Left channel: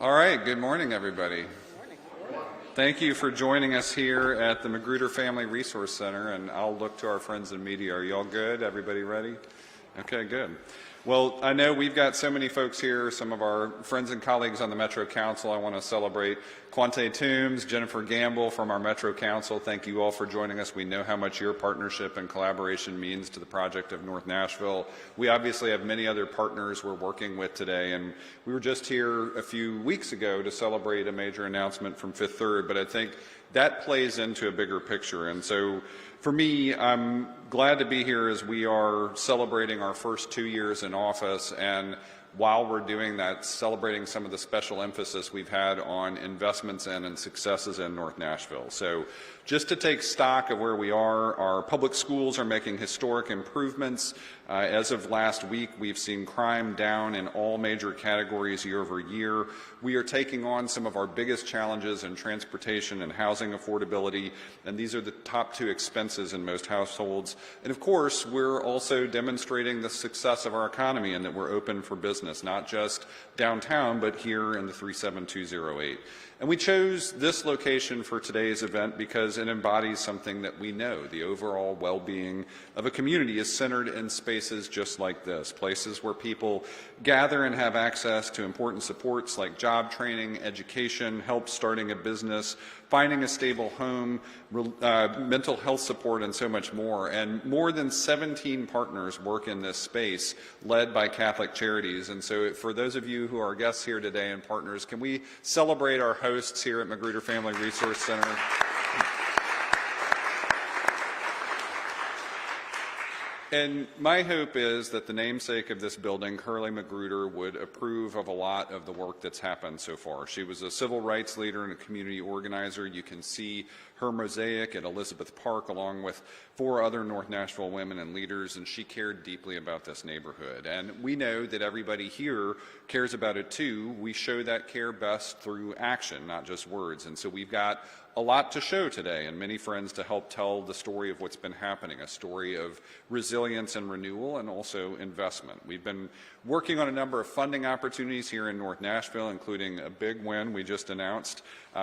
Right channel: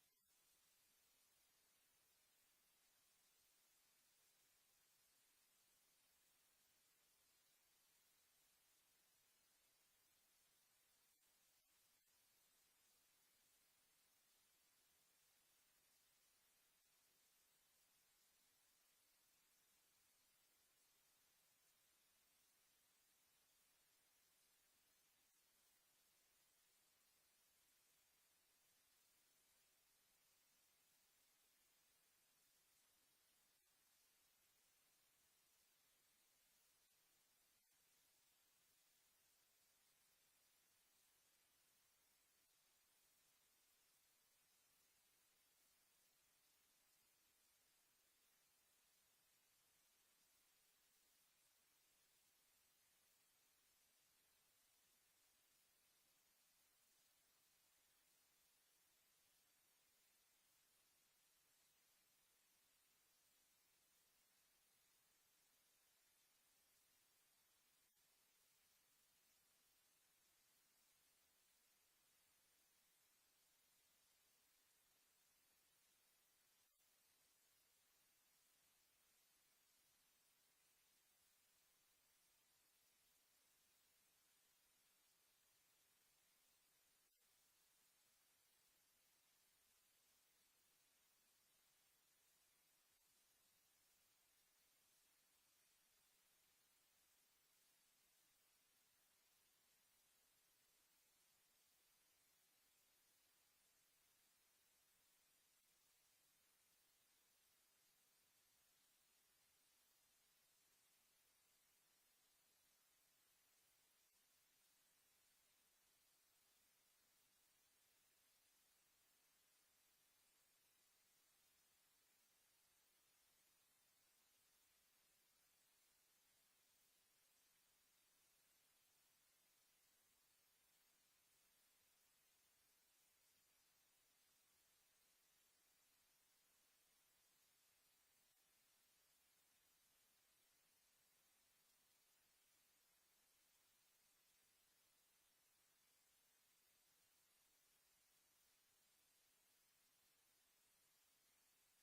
All right, good morning, everybody. Thank you for joining us here at the Magruder Family Resource Center, and I'll look to our friends in media. Are you all good? Everybody ready? Okay, good. Well, I know we've got so many folks here, some of our friends and colleagues on the Metro Council. I want to celebrate Quante Toombs, Jennifer Gamble from our Metro Council. Thank you all for joining us. We know how much your partnership and collaboration means to the project of North Nashville. We obviously have many other partners we're working with today, and we were just here a few weeks ago to celebrate a major announcement from Fifth Third, but I think that plays into a bigger picture. And so for me, I'm glad to be here as we are celebrating our first 2 years in office, and while we're doing that, celebrating some of the special emphasis we've had on investments in and successes in North Nashville. So just to take stock of where we are, our public schools are making historic improvements. As of last week, we've seen crime down in all major categories year over year. We are taking on some of our biggest challenges in transportation and housing affordability, and these are the top two expenses in most households. And of course, we're also demonstrating the success of our economy and that we're open for business, not just downtown, but here in the 37208. And we chose this location for today's event because it embodies something that we know. The overall well-being of a community is centered in spaces just like this, places where people gather and have access to important supports like job training, education, help starting a business, finding a stable home, mental health support, and so much more. And more than 17 partners work in this space, led by Catholic Charities. And so for those of you who are guests here today and partners, can we celebrate our hosts here at Magruder Family Resource Center? And my hope is that the namesake of this building, Curly Magruder, would approve of a lot of the work that's happened so far. She was a civil rights leader and a community organizer. You can see her mosaic at Elizabeth Park along with 4 other North Nashville women and leaders, and she cared deeply about this neighborhood. And we know that everybody here cares about it too. We show that care best through action, not just words. And so we've got a lot to show today and many friends to help tell the story of what's been happening, a story of resilience and renewal and also investment. We've been working on a number of funding opportunities here in North Nashville, including a big win we just announced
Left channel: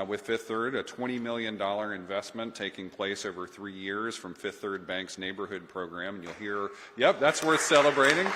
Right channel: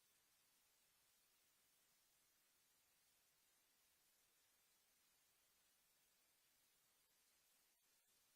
with Fifth Third, a $20 million investment taking place over 3 years from Fifth Third Bank's neighborhood program. And you'll hear, yep, that's worth celebrating.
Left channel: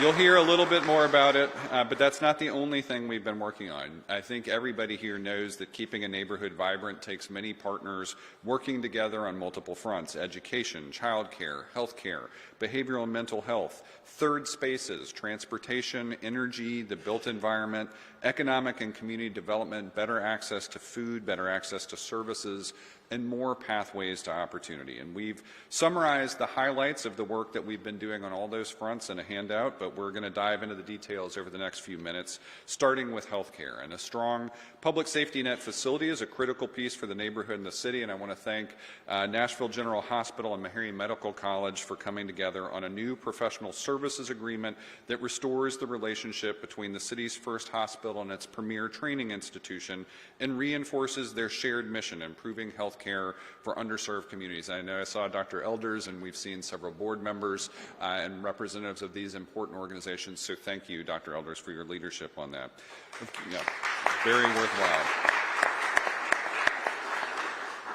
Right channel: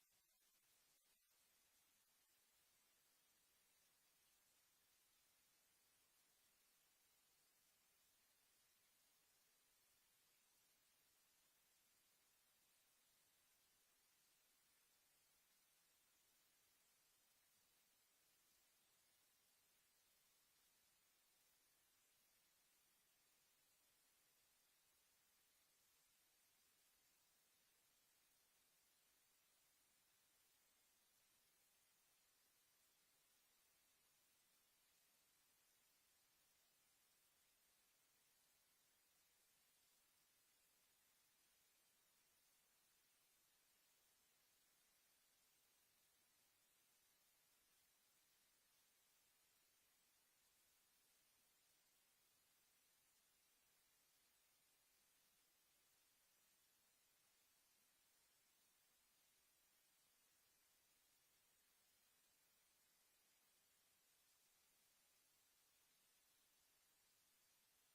You'll hear a little bit more about it, but that's not the only thing we've been working on. I think everybody here knows that keeping a neighborhood vibrant takes many partners working together on multiple fronts: education, childcare, healthcare, behavioral and mental health, third spaces, transportation, energy, the built environment, economic and community development, better access to food, better access to services, and more pathways to opportunity. And we've summarized the highlights of the work that we've been doing on all those fronts in a handout, but we're going to dive into the details over the next few minutes, starting with healthcare. And a strong public safety net facility is a critical piece for the neighborhood and the city, and I want to thank Nashville General Hospital and Meharry Medical College for coming together on a new professional services agreement that restores the relationship between the city's first hospital and its premier training institution and reinforces their shared mission, improving health care for underserved communities. I know I saw Dr. Elders, and we've seen several board members and representatives of these important organizations, so thank you, Dr. Elders, for your leadership on that. Yeah, very worthwhile.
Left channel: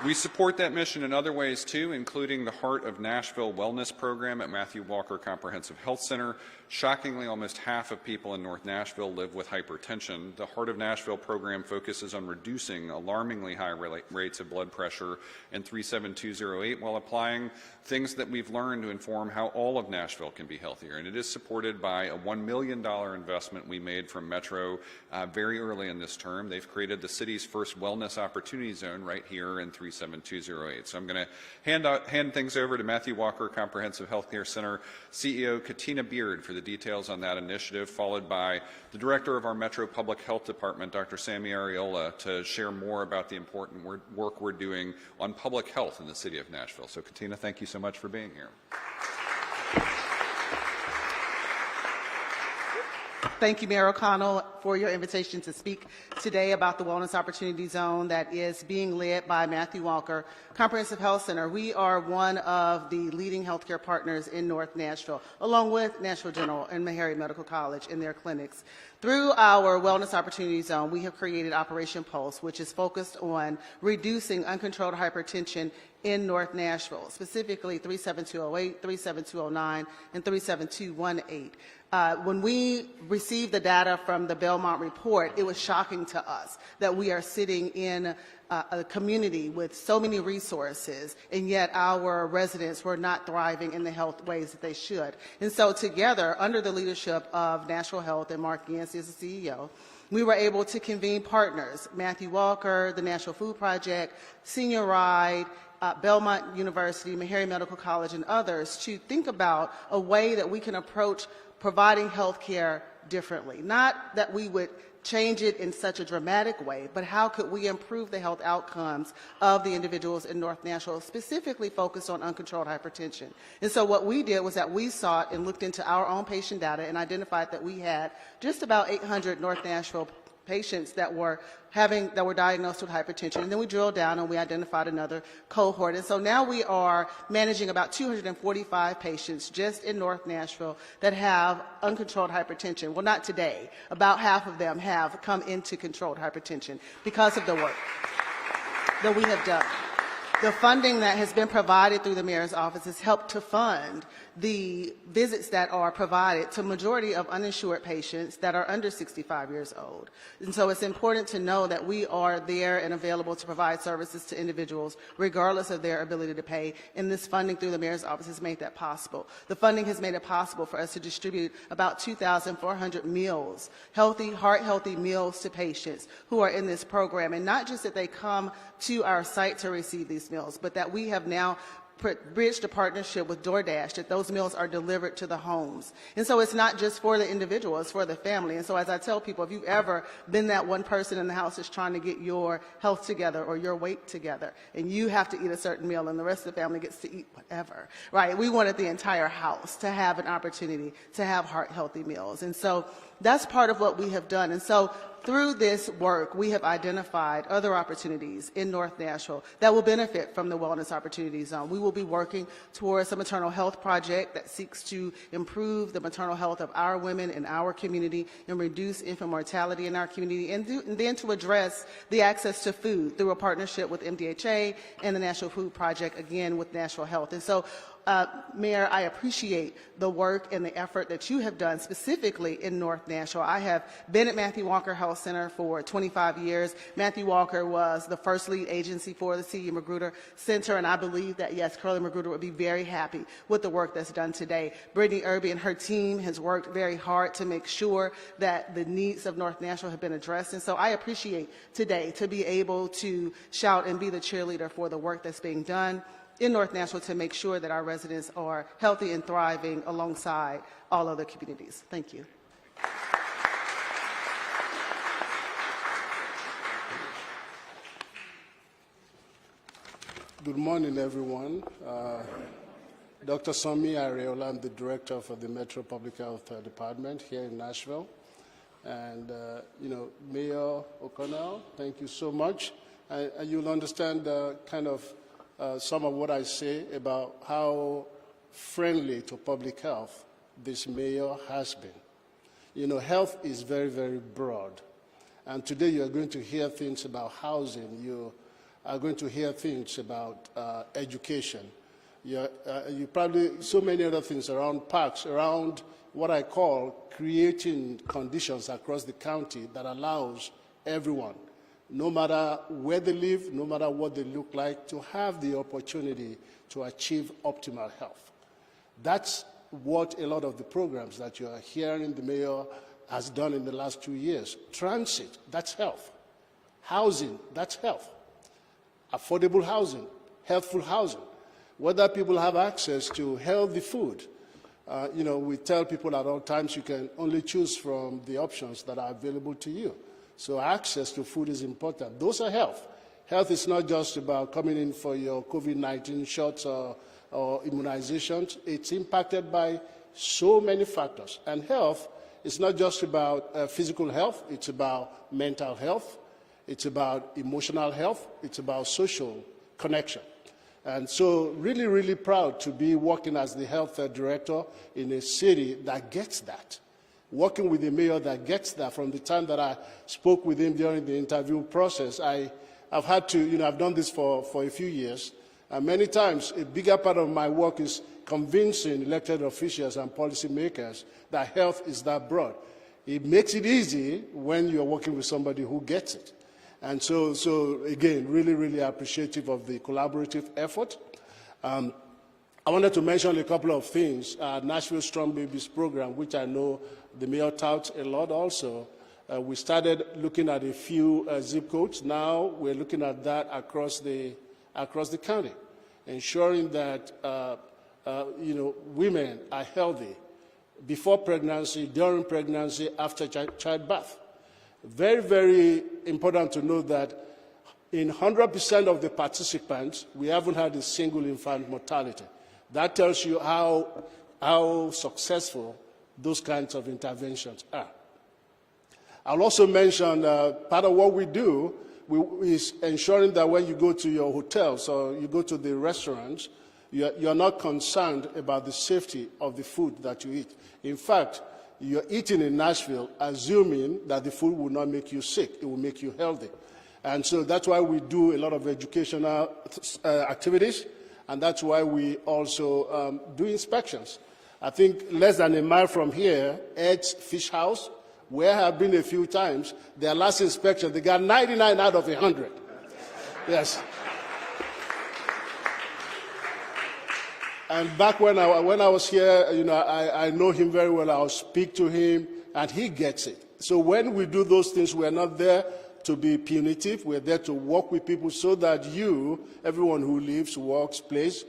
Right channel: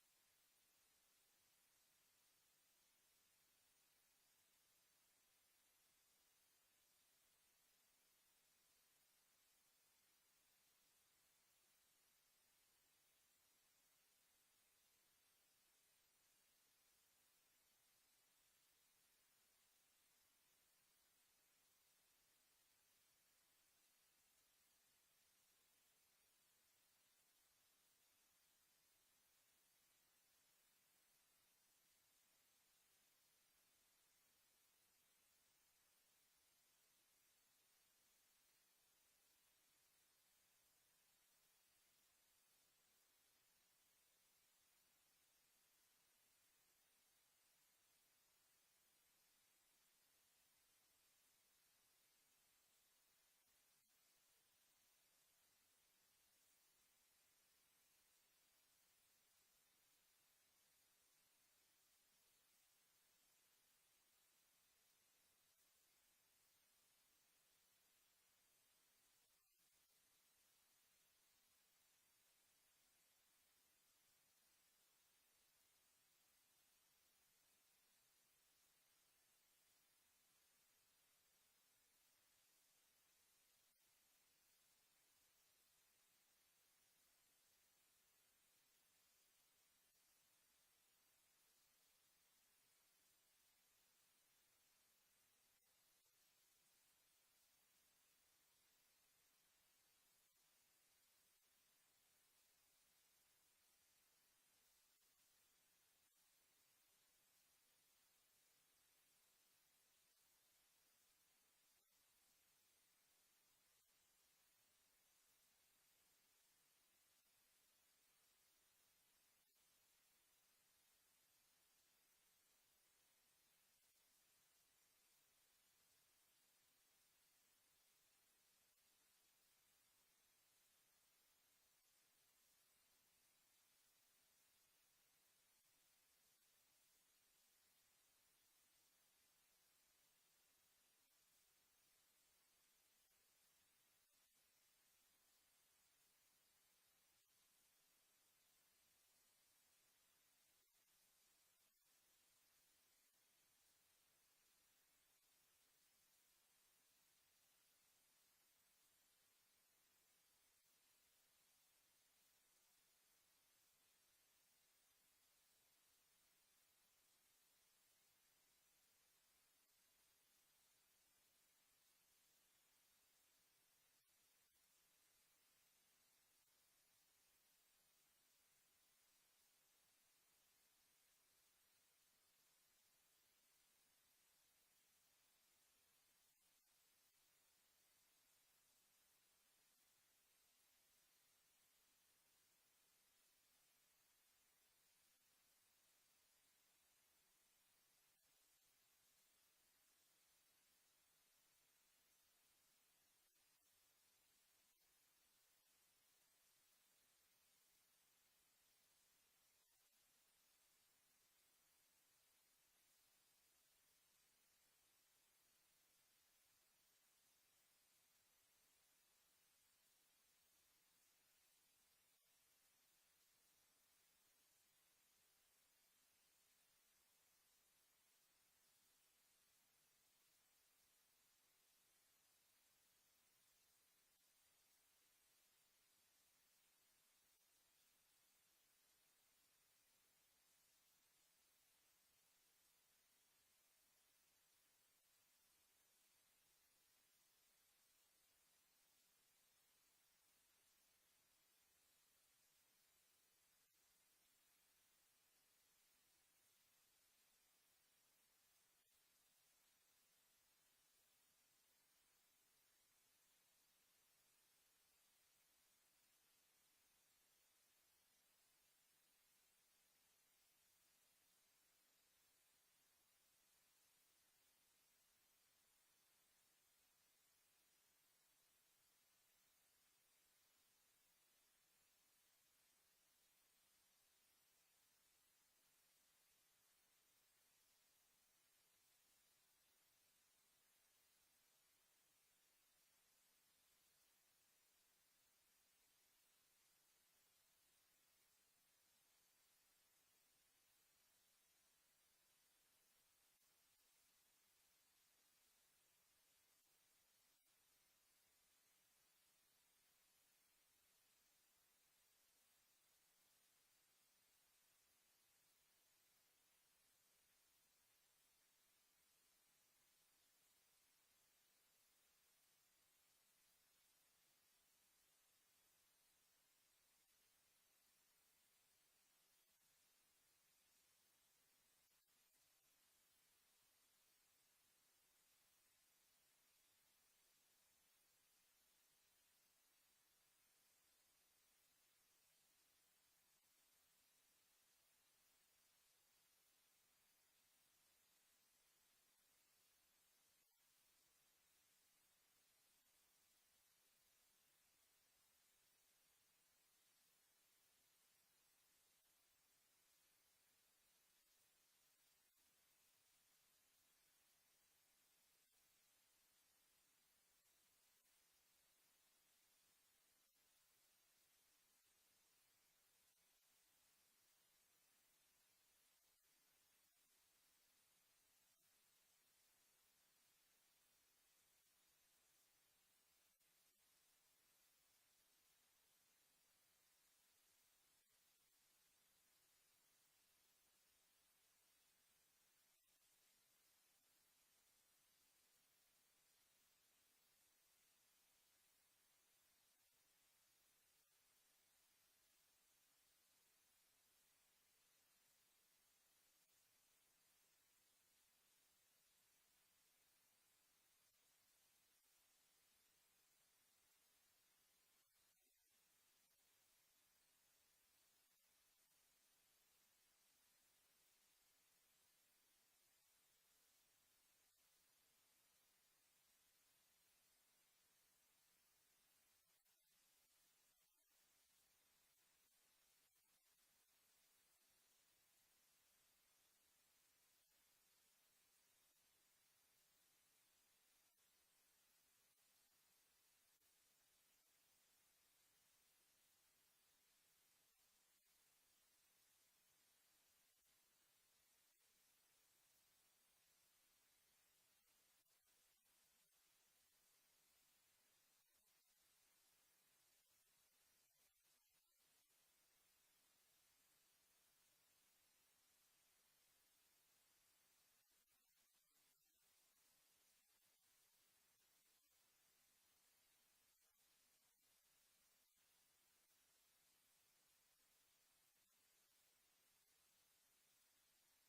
We support that mission in other ways too, including the Heart of Nashville Wellness Program at Matthew Walker Comprehensive Health Center. Shockingly, almost half of people in North Nashville live with hypertension. The Heart of Nashville program focuses on reducing alarmingly high rates of blood pressure in 37208 while applying things that we've learned to inform how all of Nashville can be healthier. And it is supported by a $1 million investment we made from Metro very early in this term. They've created the city's first wellness opportunity zone right here in 37208. So I'm going to hand things over to Matthew Walker Comprehensive Healthcare Center CEO Katina Beard for the details on that initiative, followed by the director of our Metro Public Health Department, Dr. Sammy Ariola, to share more about the important work we're doing on public health in the city of Nashville. So Katina, thank you so much for being here. thank you, Mayor O'Connell, for your invitation to speak today about the Wellness Opportunity Zone that is being led by Matthew Walker Comprehensive Health Center. We are one of the leading healthcare partners in North Nashville, along with Nashville General and Meharry Medical College in their clinics. Through our Wellness Opportunity Zone, we have created Operation Pulse, which is focused on reducing uncontrolled hypertension in North Nashville, specifically 37208, 37209, and 37218. When we received the data from the Belmont report, it was shocking to us that we are sitting in a community with so many resources, and yet our residents were not thriving in the health ways that they should. And so together, under the leadership of Nashville Health and Mark Yancey as the CEO, we were able to convene partners, Matthew Walker, the National Food Project, Senior Ride, Belmont University, Meharry Medical College, and others to think about a way that we can approach providing health care differently. Not that we would change it in such a dramatic way, but how could we improve the health outcomes of the individuals in North Nashville, specifically focused on uncontrolled hypertension. And so what we did was that we sought and looked into our own patient data and identified that we had just about 800 North Nashville patients that were diagnosed with hypertension. And then we drilled down and we identified another cohort. And so now we are managing about 245 patients just in North Nashville that have uncontrolled hypertension. Well, not today. About half of them have come into controlled hypertension because of the work that we have done. The funding that has been provided through the mayor's office has helped to fund the visits that are provided to majority of uninsured patients that are under 65 years old. And so it's important to know that we are there and available to provide services to individuals regardless of their ability to pay, and this funding through the mayor's office has made that possible. The funding has made it possible for us to distribute about 2,400 meals, heart-healthy meals to patients who are in this program, and not just that they come to our site to receive these meals, but that we have now bridged a partnership with DoorDash, that those meals are delivered to the homes. And so it's not just for the individual, it's for the family. And so as I tell people, if you've ever been that one person in the house that's trying to get your health together or your weight together, and you have to eat a certain meal and the rest of the family gets to eat whatever, right? We wanted the entire house to have an opportunity to have heart-healthy meals. And so that's part of what we have done. And so through this work, we have identified other opportunities in North Nashville that will benefit from the Wellness Opportunity Zone. We will be working towards a maternal health project that seeks to improve the maternal health of our women in our community and reduce infant mortality in our community, and then to address the access to food through a partnership with MDHA and the National Food Project, again with Nashville Health. And so Mayor, I appreciate the work and the effort that you have done specifically in North Nashville. I have been at Matthew Walker Health Center for 25 years. Matthew Walker was the first lead agency for the C.E. Magruder Center, and I believe that, yes, Curly Magruder would be very happy with the work that's done today. Brittany Irby and her team has worked very hard to make sure that the needs of North Nashville have been addressed, and so I appreciate today to be able to shout and be the cheerleader for the work that's being done in North Nashville to make sure that our residents are healthy and thriving alongside all other communities. Thank you. Good morning, everyone. Dr. Somi Areola, I'm the director for the Metro Public Health Department here in Nashville. And, Mayor O'Connell, thank you so much. And you'll understand kind of some of what I say about how friendly to public health this mayor has been. Health is very, very broad. And today you are going to hear things about housing. You are going to hear things about education. You probably, so many other things around parks, around what I call creating conditions across the county that allows everyone, no matter where they live, no matter what they look like, to have the opportunity to achieve optimal health. That's what a lot of the programs that you are hearing the mayor has done in the last 2 years. Transit, that's health. Housing, that's health. Affordable housing, healthful housing. Whether people have access to healthy food. We tell people at all times you can only choose from the options that are available to you. So access to food is important. Those are health. Health is not just about coming in for your COVID-19 shots or immunizations. It's impacted by so many factors. And health It's not just about physical health, it's about mental health, it's about emotional health, it's about social connection. And so really, really proud to be working as the health director in a city that gets that. Working with a mayor that gets that. From the time that I spoke with him during the interview process, I've had to, I've done this for a few years, and many times a bigger part of my work is convincing elected officials and policymakers that health is that broad. It makes it easy when you're working with somebody who gets it. And so again, really, really appreciative of the collaborative effort. I wanted to mention a couple of things. Nashville Strong Babies program, which I know the mayor touts a lot also. We started looking at a few zip codes. Now we're looking at that across the county, ensuring that women are healthy before pregnancy, during pregnancy, after childbirth. Very, very important to note that in 100% of the participants, we haven't had a single infant mortality. That tells you how successful those kinds of interventions are. I'll also mention part of what we do is ensuring that when you go to your hotels or you go to the restaurants, you're not concerned about the safety of the food that you eat. In fact, you're eating in Nashville assuming that the food will not make you sick, it will make you healthy. And so that's why we do a lot of educational activities, and that's why we also do inspections. I think less than a mile from here, Ed's Fish House, where I have been a few times, their last inspection, they got 99 out of 100. Yes. And back when I was here, I know him very well. I'll speak to him, and he gets it. So when we do those things, we're not there to be punitive. We're there to work with people so that everyone who lives, works, plays,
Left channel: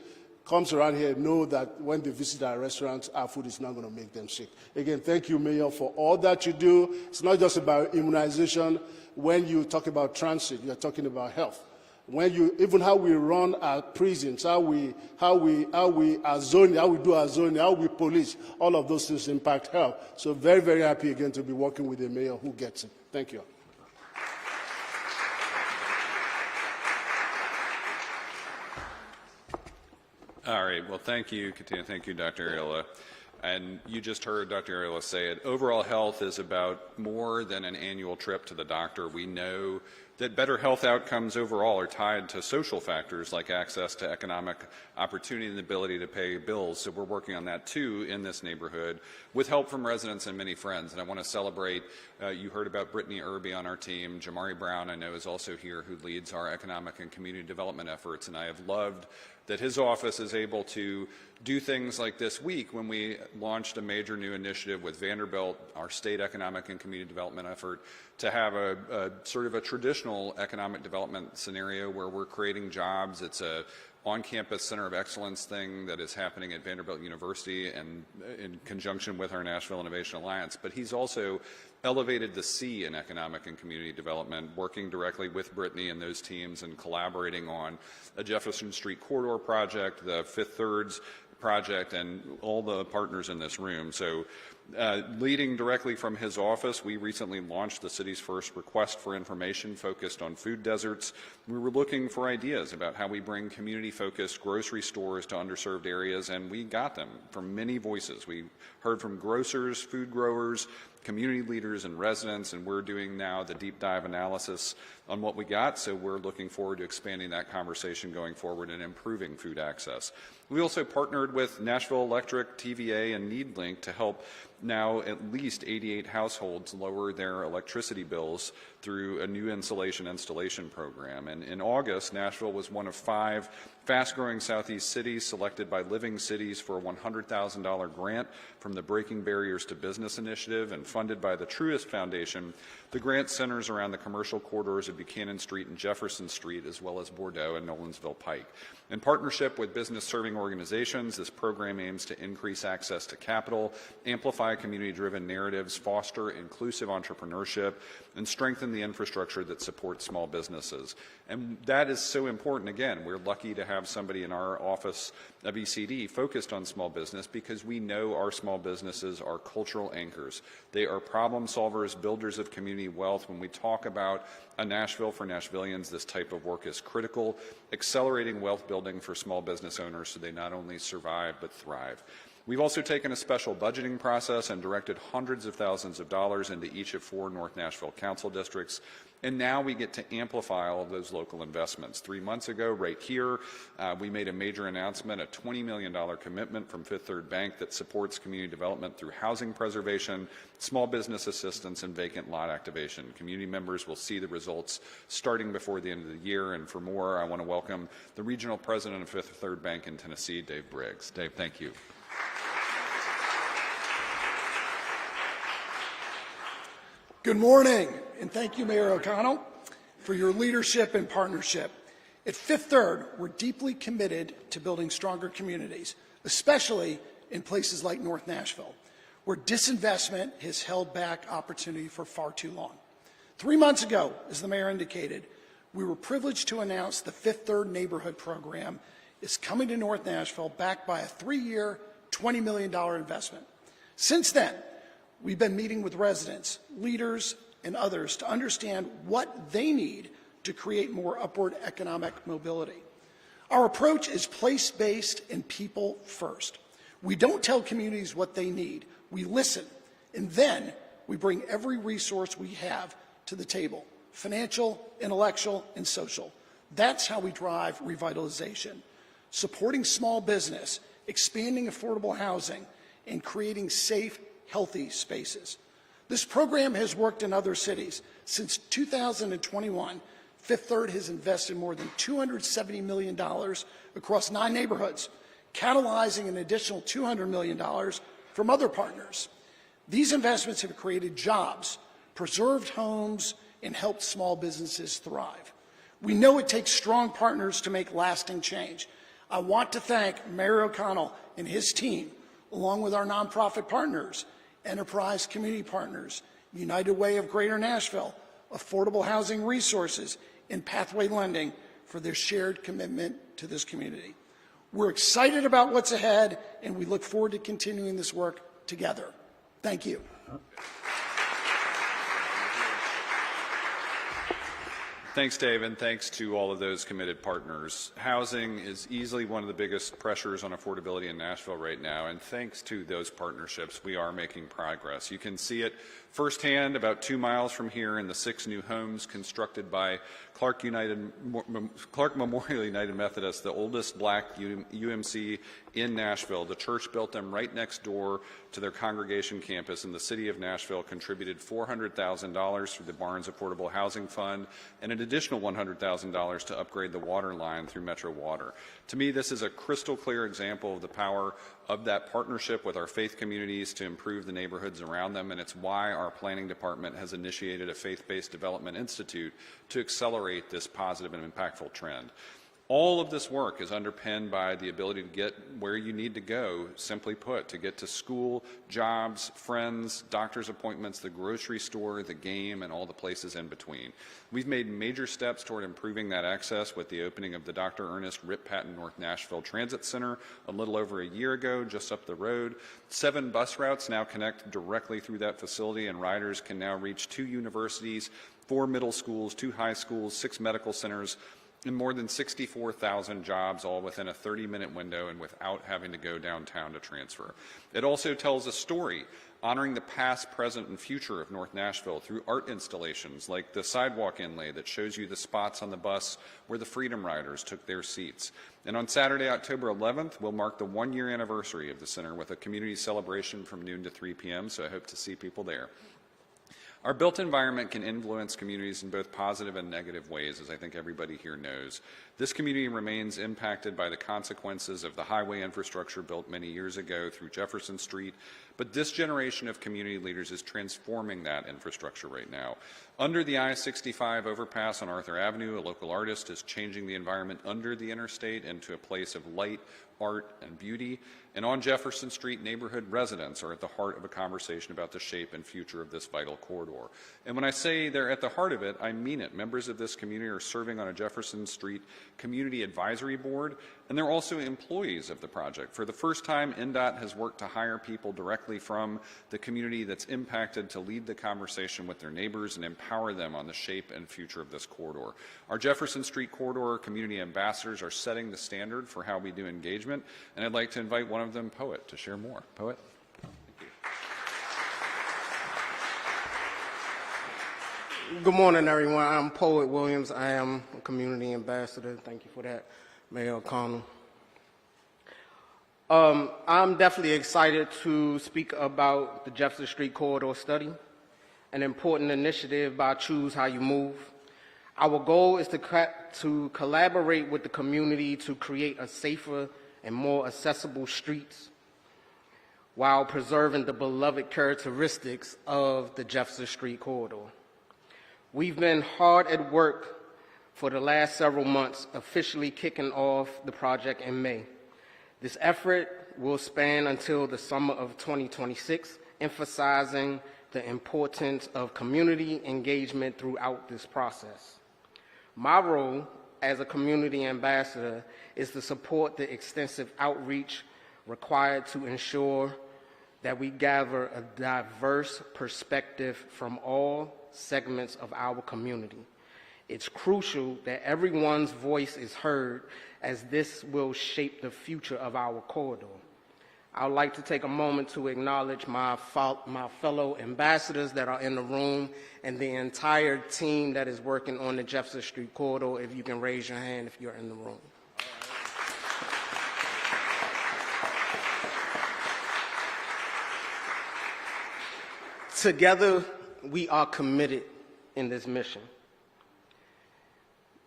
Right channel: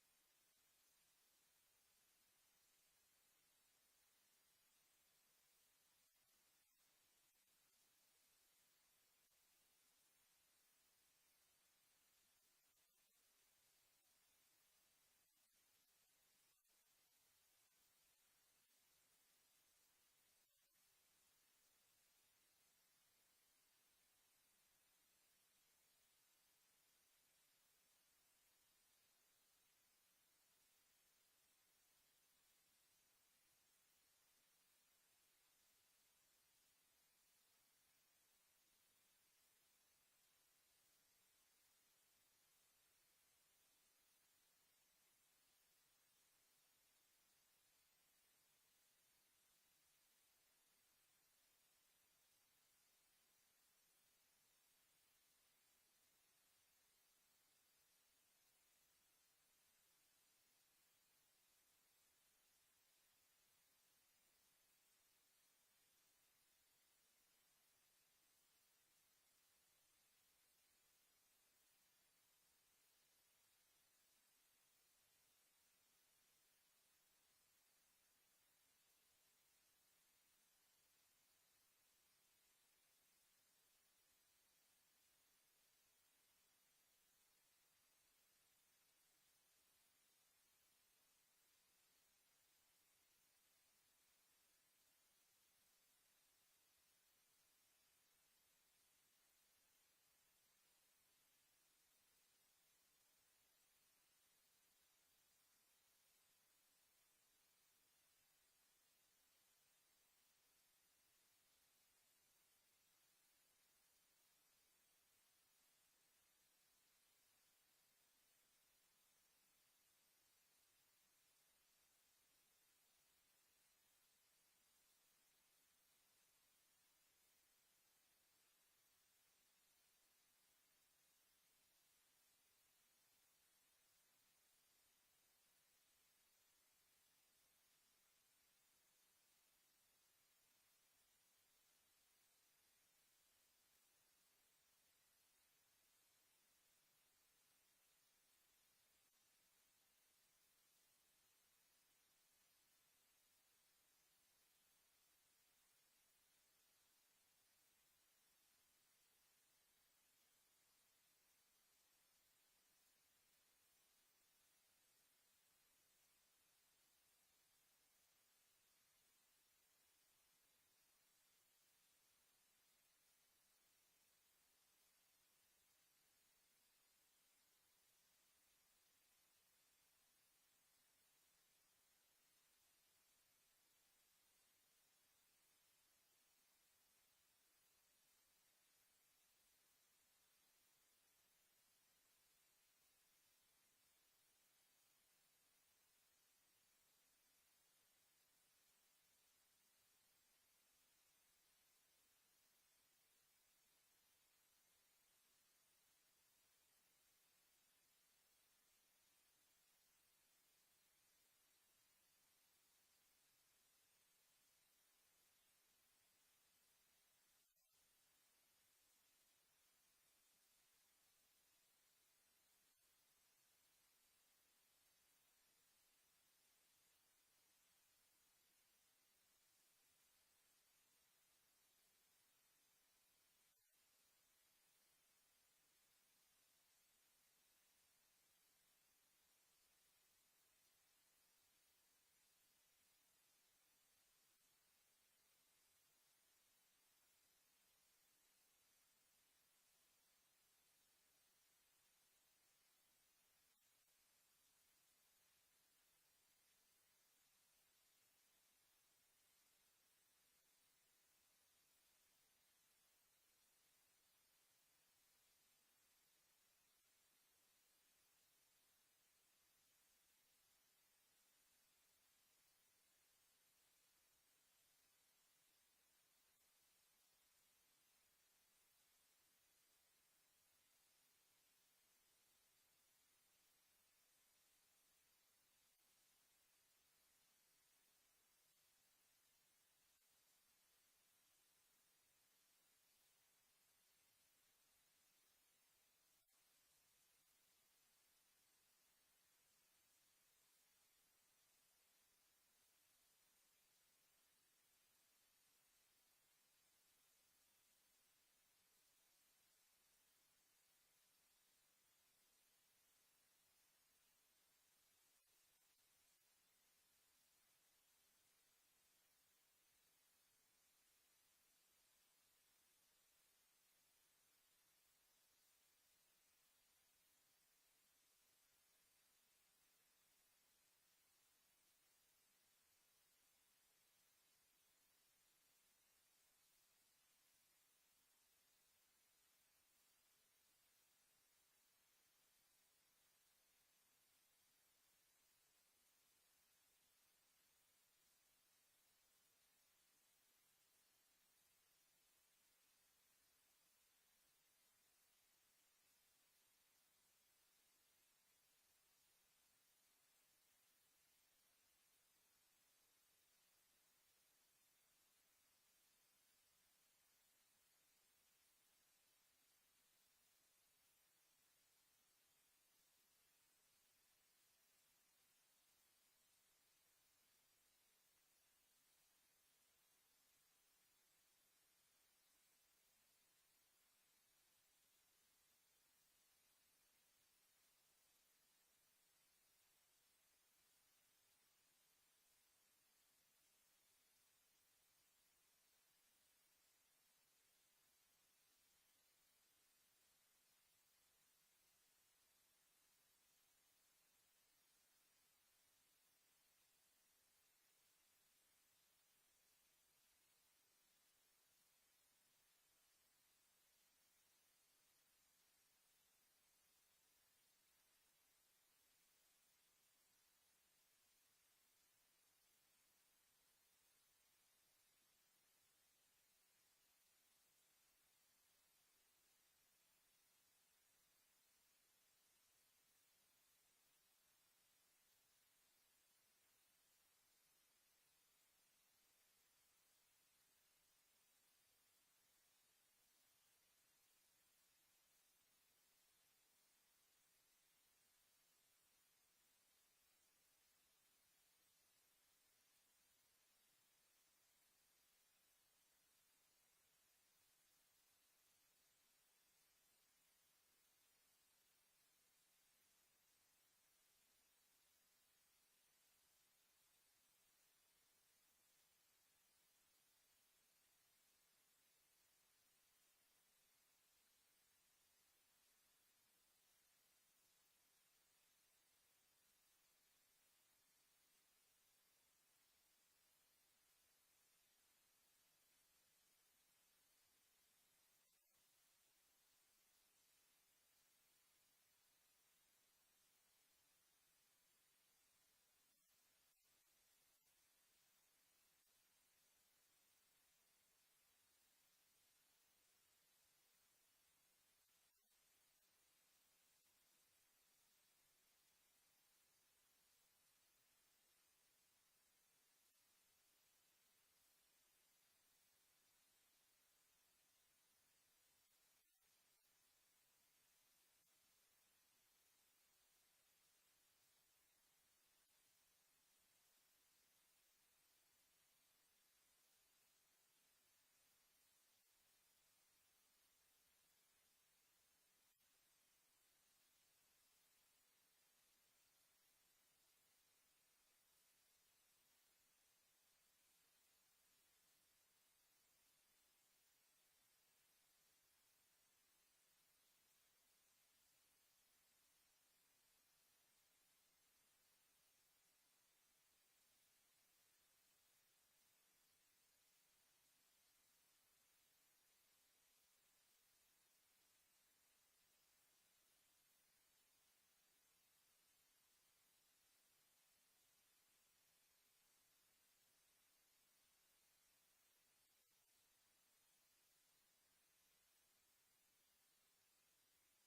comes around here, know that when they visit our restaurants, our food is not going to make them sick. Again, thank you, Mayor, for all that you do. It's not just about immunization. When you talk about transit, you're talking about health. Even how we run our prisons, how we do our zoning, how we police, all of those things impact health. So very, very happy again to be working with a mayor who gets it. Thank you. All right. Well, thank you, Katina. Thank you, Dr. Ariola. And you just heard Dr. Ariola say it. Overall health is about more than an annual trip to the doctor. We know that better health outcomes overall are tied to social factors like access to economic opportunity and the ability to pay bills. So we're working on that too in this neighborhood with help from residents and many friends. And I want to celebrate, you heard about Brittany Irby on our team. Jamari Brown, I know, is also here, who leads our economic and community development efforts. And I have loved that his office is able to do things like this week when we launched a major new initiative with Vanderbilt, our state economic and community development effort, to have a sort of a traditional economic development scenario where we're creating jobs. It's a on-campus center of excellence thing that is happening at Vanderbilt University and in conjunction with our Nashville Innovation Alliance. But he's also elevated the C in economic and community development, working directly with Brittany and those teams and collaborating on a Jefferson Street corridor project, the Fifth Thirds project, and all the partners in this room. So leading directly from his office, we recently launched the city's first request for information focused on food deserts. We were looking for ideas about how we bring community-focused grocery stores to underserved areas, and we got them from many voices. We heard from grocers, food growers, community leaders, and residents, and we're doing now the deep dive analysis on what we got, so we're looking forward to expanding that conversation going forward and improving food access. We also partnered with Nashville Electric, TVA, and NeedLink to help now at least 88 households lower their electricity bills through a new installation program. And in August, Nashville was one of 5 fast-growing Southeast cities selected by Living Cities for a $100,000 grant from the Breaking Barriers to Business initiative and funded by the Truist Foundation. The grant centers around the commercial corridors of Buchanan Street and Jefferson Street, as well as Bordeaux and Nolensville Pike. In partnership with business-serving organizations, this program aims to increase access to capital, amplify community-driven narratives, foster inclusive entrepreneurship, and strengthen the infrastructure that supports small businesses. And that is so important. Again, we're lucky to have somebody in our office of ECD focused on small business because we know our small businesses are cultural anchors. They are problem solvers, builders of community wealth. When we talk about a Nashville for Nashvillians, this type of work is critical, accelerating wealth building for small business owners so they not only survive but thrive. We've also taken a special budgeting process and directed hundreds of thousands of dollars into each of 4 North Nashville council districts. And now we get to amplify all of those local investments. 3 months ago, right here, we made a major announcement, a $20 million commitment from Fifth Third Bank that supports community development through housing preservation, small business assistance, and vacant lot activation. Community members will see the results starting before the end of the year. And for more, I want to welcome the regional president of Fifth Third Bank in Tennessee, Dave Briggs. Dave, thank you. Good morning, and thank you, Mayor O'Connell, for your leadership and partnership. At Fifth Third, we're deeply committed to building stronger communities, especially in places like North Nashville, where disinvestment has held back opportunity for far too long. 3 months ago, as the mayor indicated, we were privileged to announce the Fifth Third Neighborhood Program is coming to North Nashville, backed by a 3-year, $20 million investment. Since then, we've been meeting with residents, leaders, and others to understand what they need to create more upward economic mobility. Our approach is place-based and people first. We don't tell communities what they need. We listen, and then we bring every resource we have to the table, financial, intellectual, and social. That's how we drive revitalization, supporting small business, expanding affordable housing, and creating safe, healthy spaces. This program has worked in other cities. Since 2021, Fifth Third has invested more than $270 million across 9 neighborhoods, catalyzing an additional $200 million from other partners. These investments have created jobs, preserved homes, and helped small businesses thrive. We know it takes strong partners to make lasting change. I want to thank Mayor O'Connell and his team, along with our nonprofit partners, Enterprise Community Partners, United Way of Greater Nashville, Affordable Housing Resources, and Pathway Lending for their shared commitment to this community. We're excited about what's ahead, and we look forward to continuing this work together. Thank you. Thanks, Dave, and thanks to all of those committed partners. Housing is easily one of the biggest pressures on affordability in Nashville right now, and thanks to those partnerships, we are making progress. You can see it firsthand about 2 miles from here in the 6 new homes constructed by Clark Memorial United Methodist, the oldest black UMC in Nashville. The church built them right next door to their congregation campus, and the city of Nashville contributed $400,000 through the Barnes Affordable Housing Fund and an additional $100,000 to upgrade the water line through Metro Water. To me, this is a crystal clear example of the power of that partnership with our faith communities to improve the neighborhoods around them, and it's why our planning department has initiated a faith-based development institute to accelerate this positive and impactful trend. All of this work is underpinned by the ability to get where you need to go, simply put, to get to school, jobs, friends, doctor's appointments, the grocery store, the game, and all the places in between. We've made major steps toward improving that access with the opening of the Dr. Ernest Rip Patton North Nashville Transit Center a little over a year ago, just up the road. 7 bus routes now connect directly through that facility, and riders can now reach 2 universities, 4 middle schools, 2 high schools, 6 medical centers, and more than 64,000 jobs, all within a 30-minute window and without having to go downtown to transfer. It also tells a story honoring the past, present, and future of North Nashville through art installations like the sidewalk inlay that shows you the spots on the bus where the Freedom Riders took their seats. And on Saturday, October 11th, we'll mark the 1-year anniversary of the center with a community celebration from noon to 3 p.m., so I hope to see people there. Our built environment can influence communities in both positive and negative ways, as I think everybody here knows. This community remains impacted by the consequences of the highway infrastructure built many years ago through Jefferson Street, But this generation of community leaders is transforming that infrastructure right now. Under the I-65 overpass on Arthur Avenue, a local artist is changing the environment under the interstate into a place of light, art, and beauty. And on Jefferson Street, neighborhood residents are at the heart of a conversation about the shape and future of this vital corridor. And when I say they're at the heart of it, I mean it. Members of this community are serving on a Jefferson Street Community Advisory Board, and they're also employees of the project. For the first time, NDOT has worked to hire people directly from the community that's impacted to lead the conversation with their neighbors and empower them on the shape and future of this corridor. Our Jefferson Street Corridor community ambassadors are setting the standard for how we do engagement, and I'd like to invite one of them, Poet, to share more. Poet? Good morning, everyone. I'm Poet Williams. I am a community ambassador. Thank you for that, Mayor O'Connell. I'm definitely excited to speak about the Jefferson Street Corridor Study, an important initiative by Choose How You Move. Our goal is to collaborate with the community to create a safer and more accessible streets while preserving the beloved characteristics of the Jefferson Street Corridor. We've been hard at work for the last several months, officially kicking off the project in May. This effort will span until the summer of 2026, emphasizing the importance of community engagement throughout this process. My role as a community ambassador is to support the extensive outreach required to ensure that we gather a diverse perspective from all segments of our community. It's crucial that everyone's voice is heard, as this will shape the future of our corridor. I would like to take a moment to acknowledge my fellow ambassadors that are in the room and the entire team that is working on the Jefferson Street Corridor. If you can raise your hand if you're in the room. Together, we are committed in this mission.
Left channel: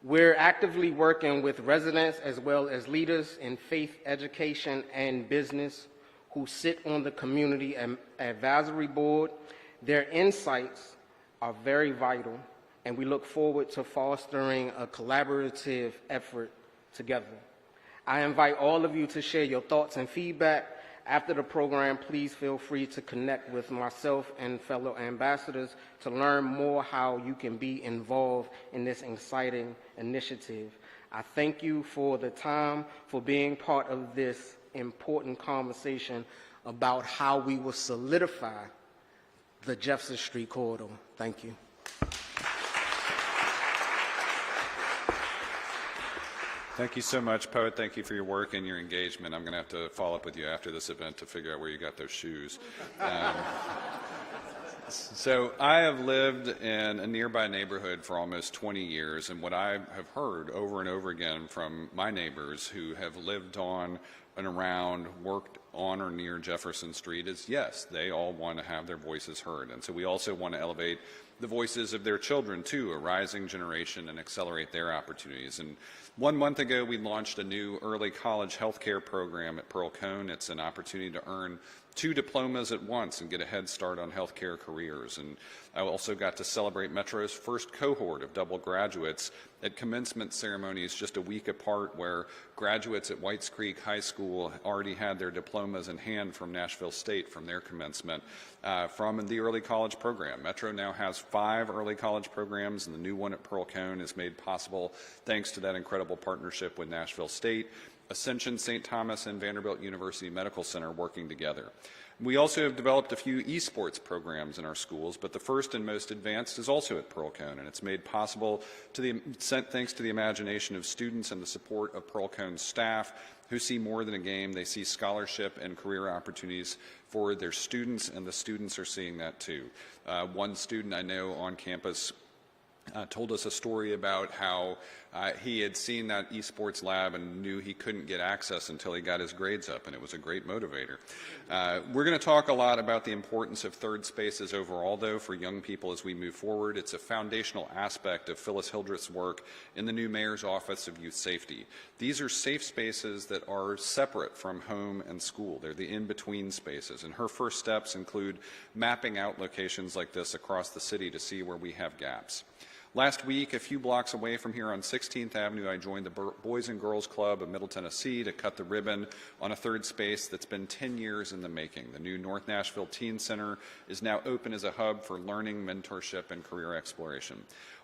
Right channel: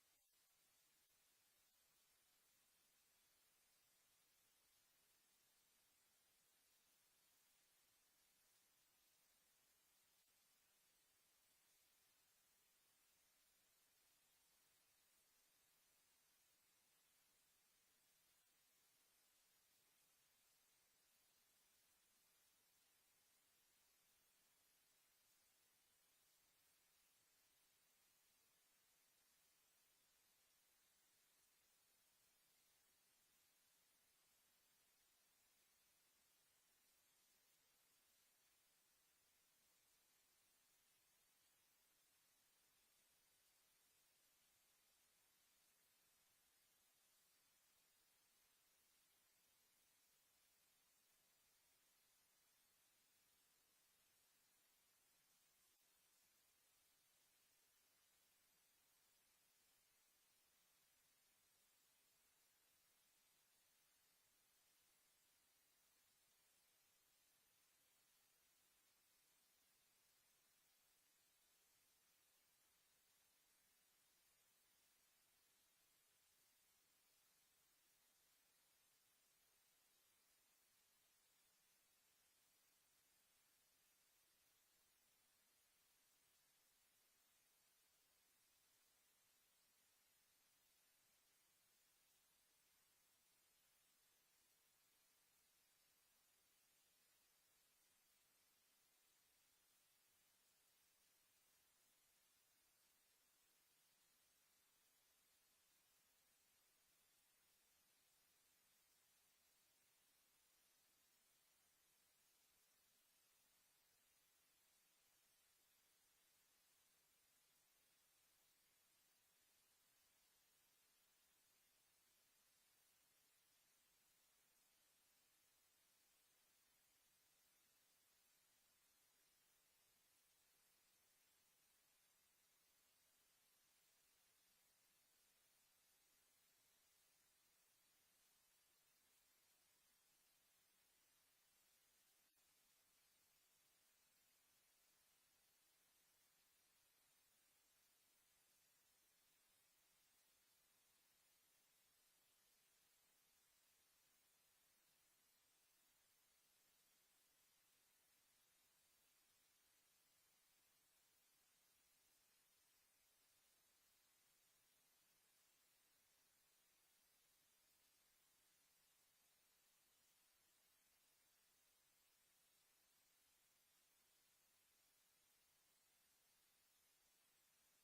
We're actively working with residents as well as leaders in faith, education, and business who sit on the Community Advisory Board. Their insights are very vital, and we look forward to fostering a collaborative effort together. I invite all of you to share your thoughts and feedback. After the program, please feel free to connect with myself and fellow ambassadors to learn more how you can be involved in this exciting initiative. I thank you for the time, for being part of this important conversation about how we will solidify the Jefferson Street Corridor. Thank you. Thank you so much, Poet. Thank you for your work and your engagement. I'm going to have to follow up with you after this event to figure out where you got those shoes. So I have lived in a nearby neighborhood for almost 20 years, and what I have heard over and over again from my neighbors who have lived on and around, worked on or near Jefferson Street is, yes, they all want to have their voices heard. And so we also want to elevate the voices of their children, too, a rising generation, and accelerate their opportunities. And 1 month ago, we launched a new early college healthcare program at Pearl Cone. It's an opportunity to earn 2 diplomas at once and get a head start on healthcare careers. And I also got to celebrate Metro's first cohort of double graduates at commencement ceremonies just a week apart, where graduates at Whites Creek High School already had their diplomas in hand from Nashville State from their commencement from the early college program. Metro now has 5 early college programs, and the new one at Pearl Cone is made possible thanks to that incredible partnership with Nashville State, Ascension, St. Thomas, and Vanderbilt University Medical Center working together. We also have developed a few esports programs in our schools, but the first and most advanced is also at Pearl Cone, and it's made possible thanks to the imagination of students and the support of Pearl Cone's staff, who see more than a game. They see scholarship and career opportunities for their students, and the students are seeing that too. One student I know on campus told us a story about how He had seen that esports lab and knew he couldn't get access until he got his grades up, and it was a great motivator. We're going to talk a lot about the importance of third spaces overall, though, for young people as we move forward. It's a foundational aspect of Phyllis Hildreth's work in the new Mayor's Office of Youth Safety. These are safe spaces that are separate from home and school. They're the in-between spaces, and her first steps include mapping out locations like this across the city to see where we have gaps. Last week, a few blocks away from here on 16th Avenue, I joined the Boys and Girls Club of Middle Tennessee to cut the ribbon on a third space that's been 10 years in the making. The new North Nashville Teen Center is now open as a hub for learning, mentorship, and career exploration.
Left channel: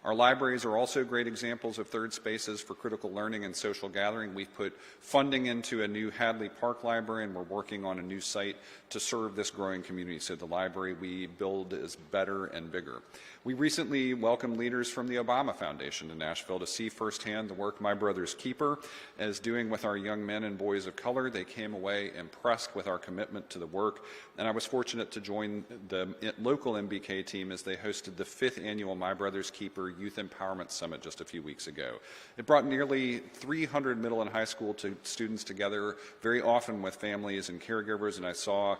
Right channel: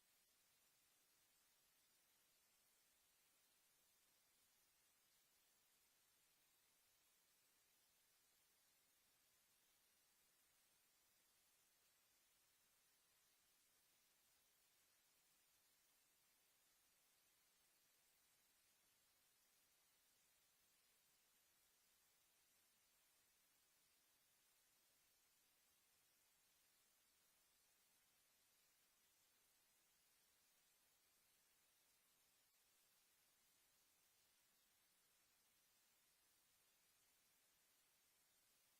Our libraries are also great examples of third spaces for critical learning and social gathering. We've put funding into a new Hadley Park Library, and we're working on a new site to serve this growing community, so the library we build is better and bigger. We recently welcomed leaders from the Obama Foundation to Nashville to see firsthand the work My Brother's Keeper is doing with our young men and boys of color. They came away impressed with our commitment to the work, and I was fortunate to join the local MBK team as they hosted the 5th annual My Brother's Keeper Youth Empowerment Summit just a few weeks ago. It brought nearly 300 middle and high school students together, very often with families and caregivers, and I saw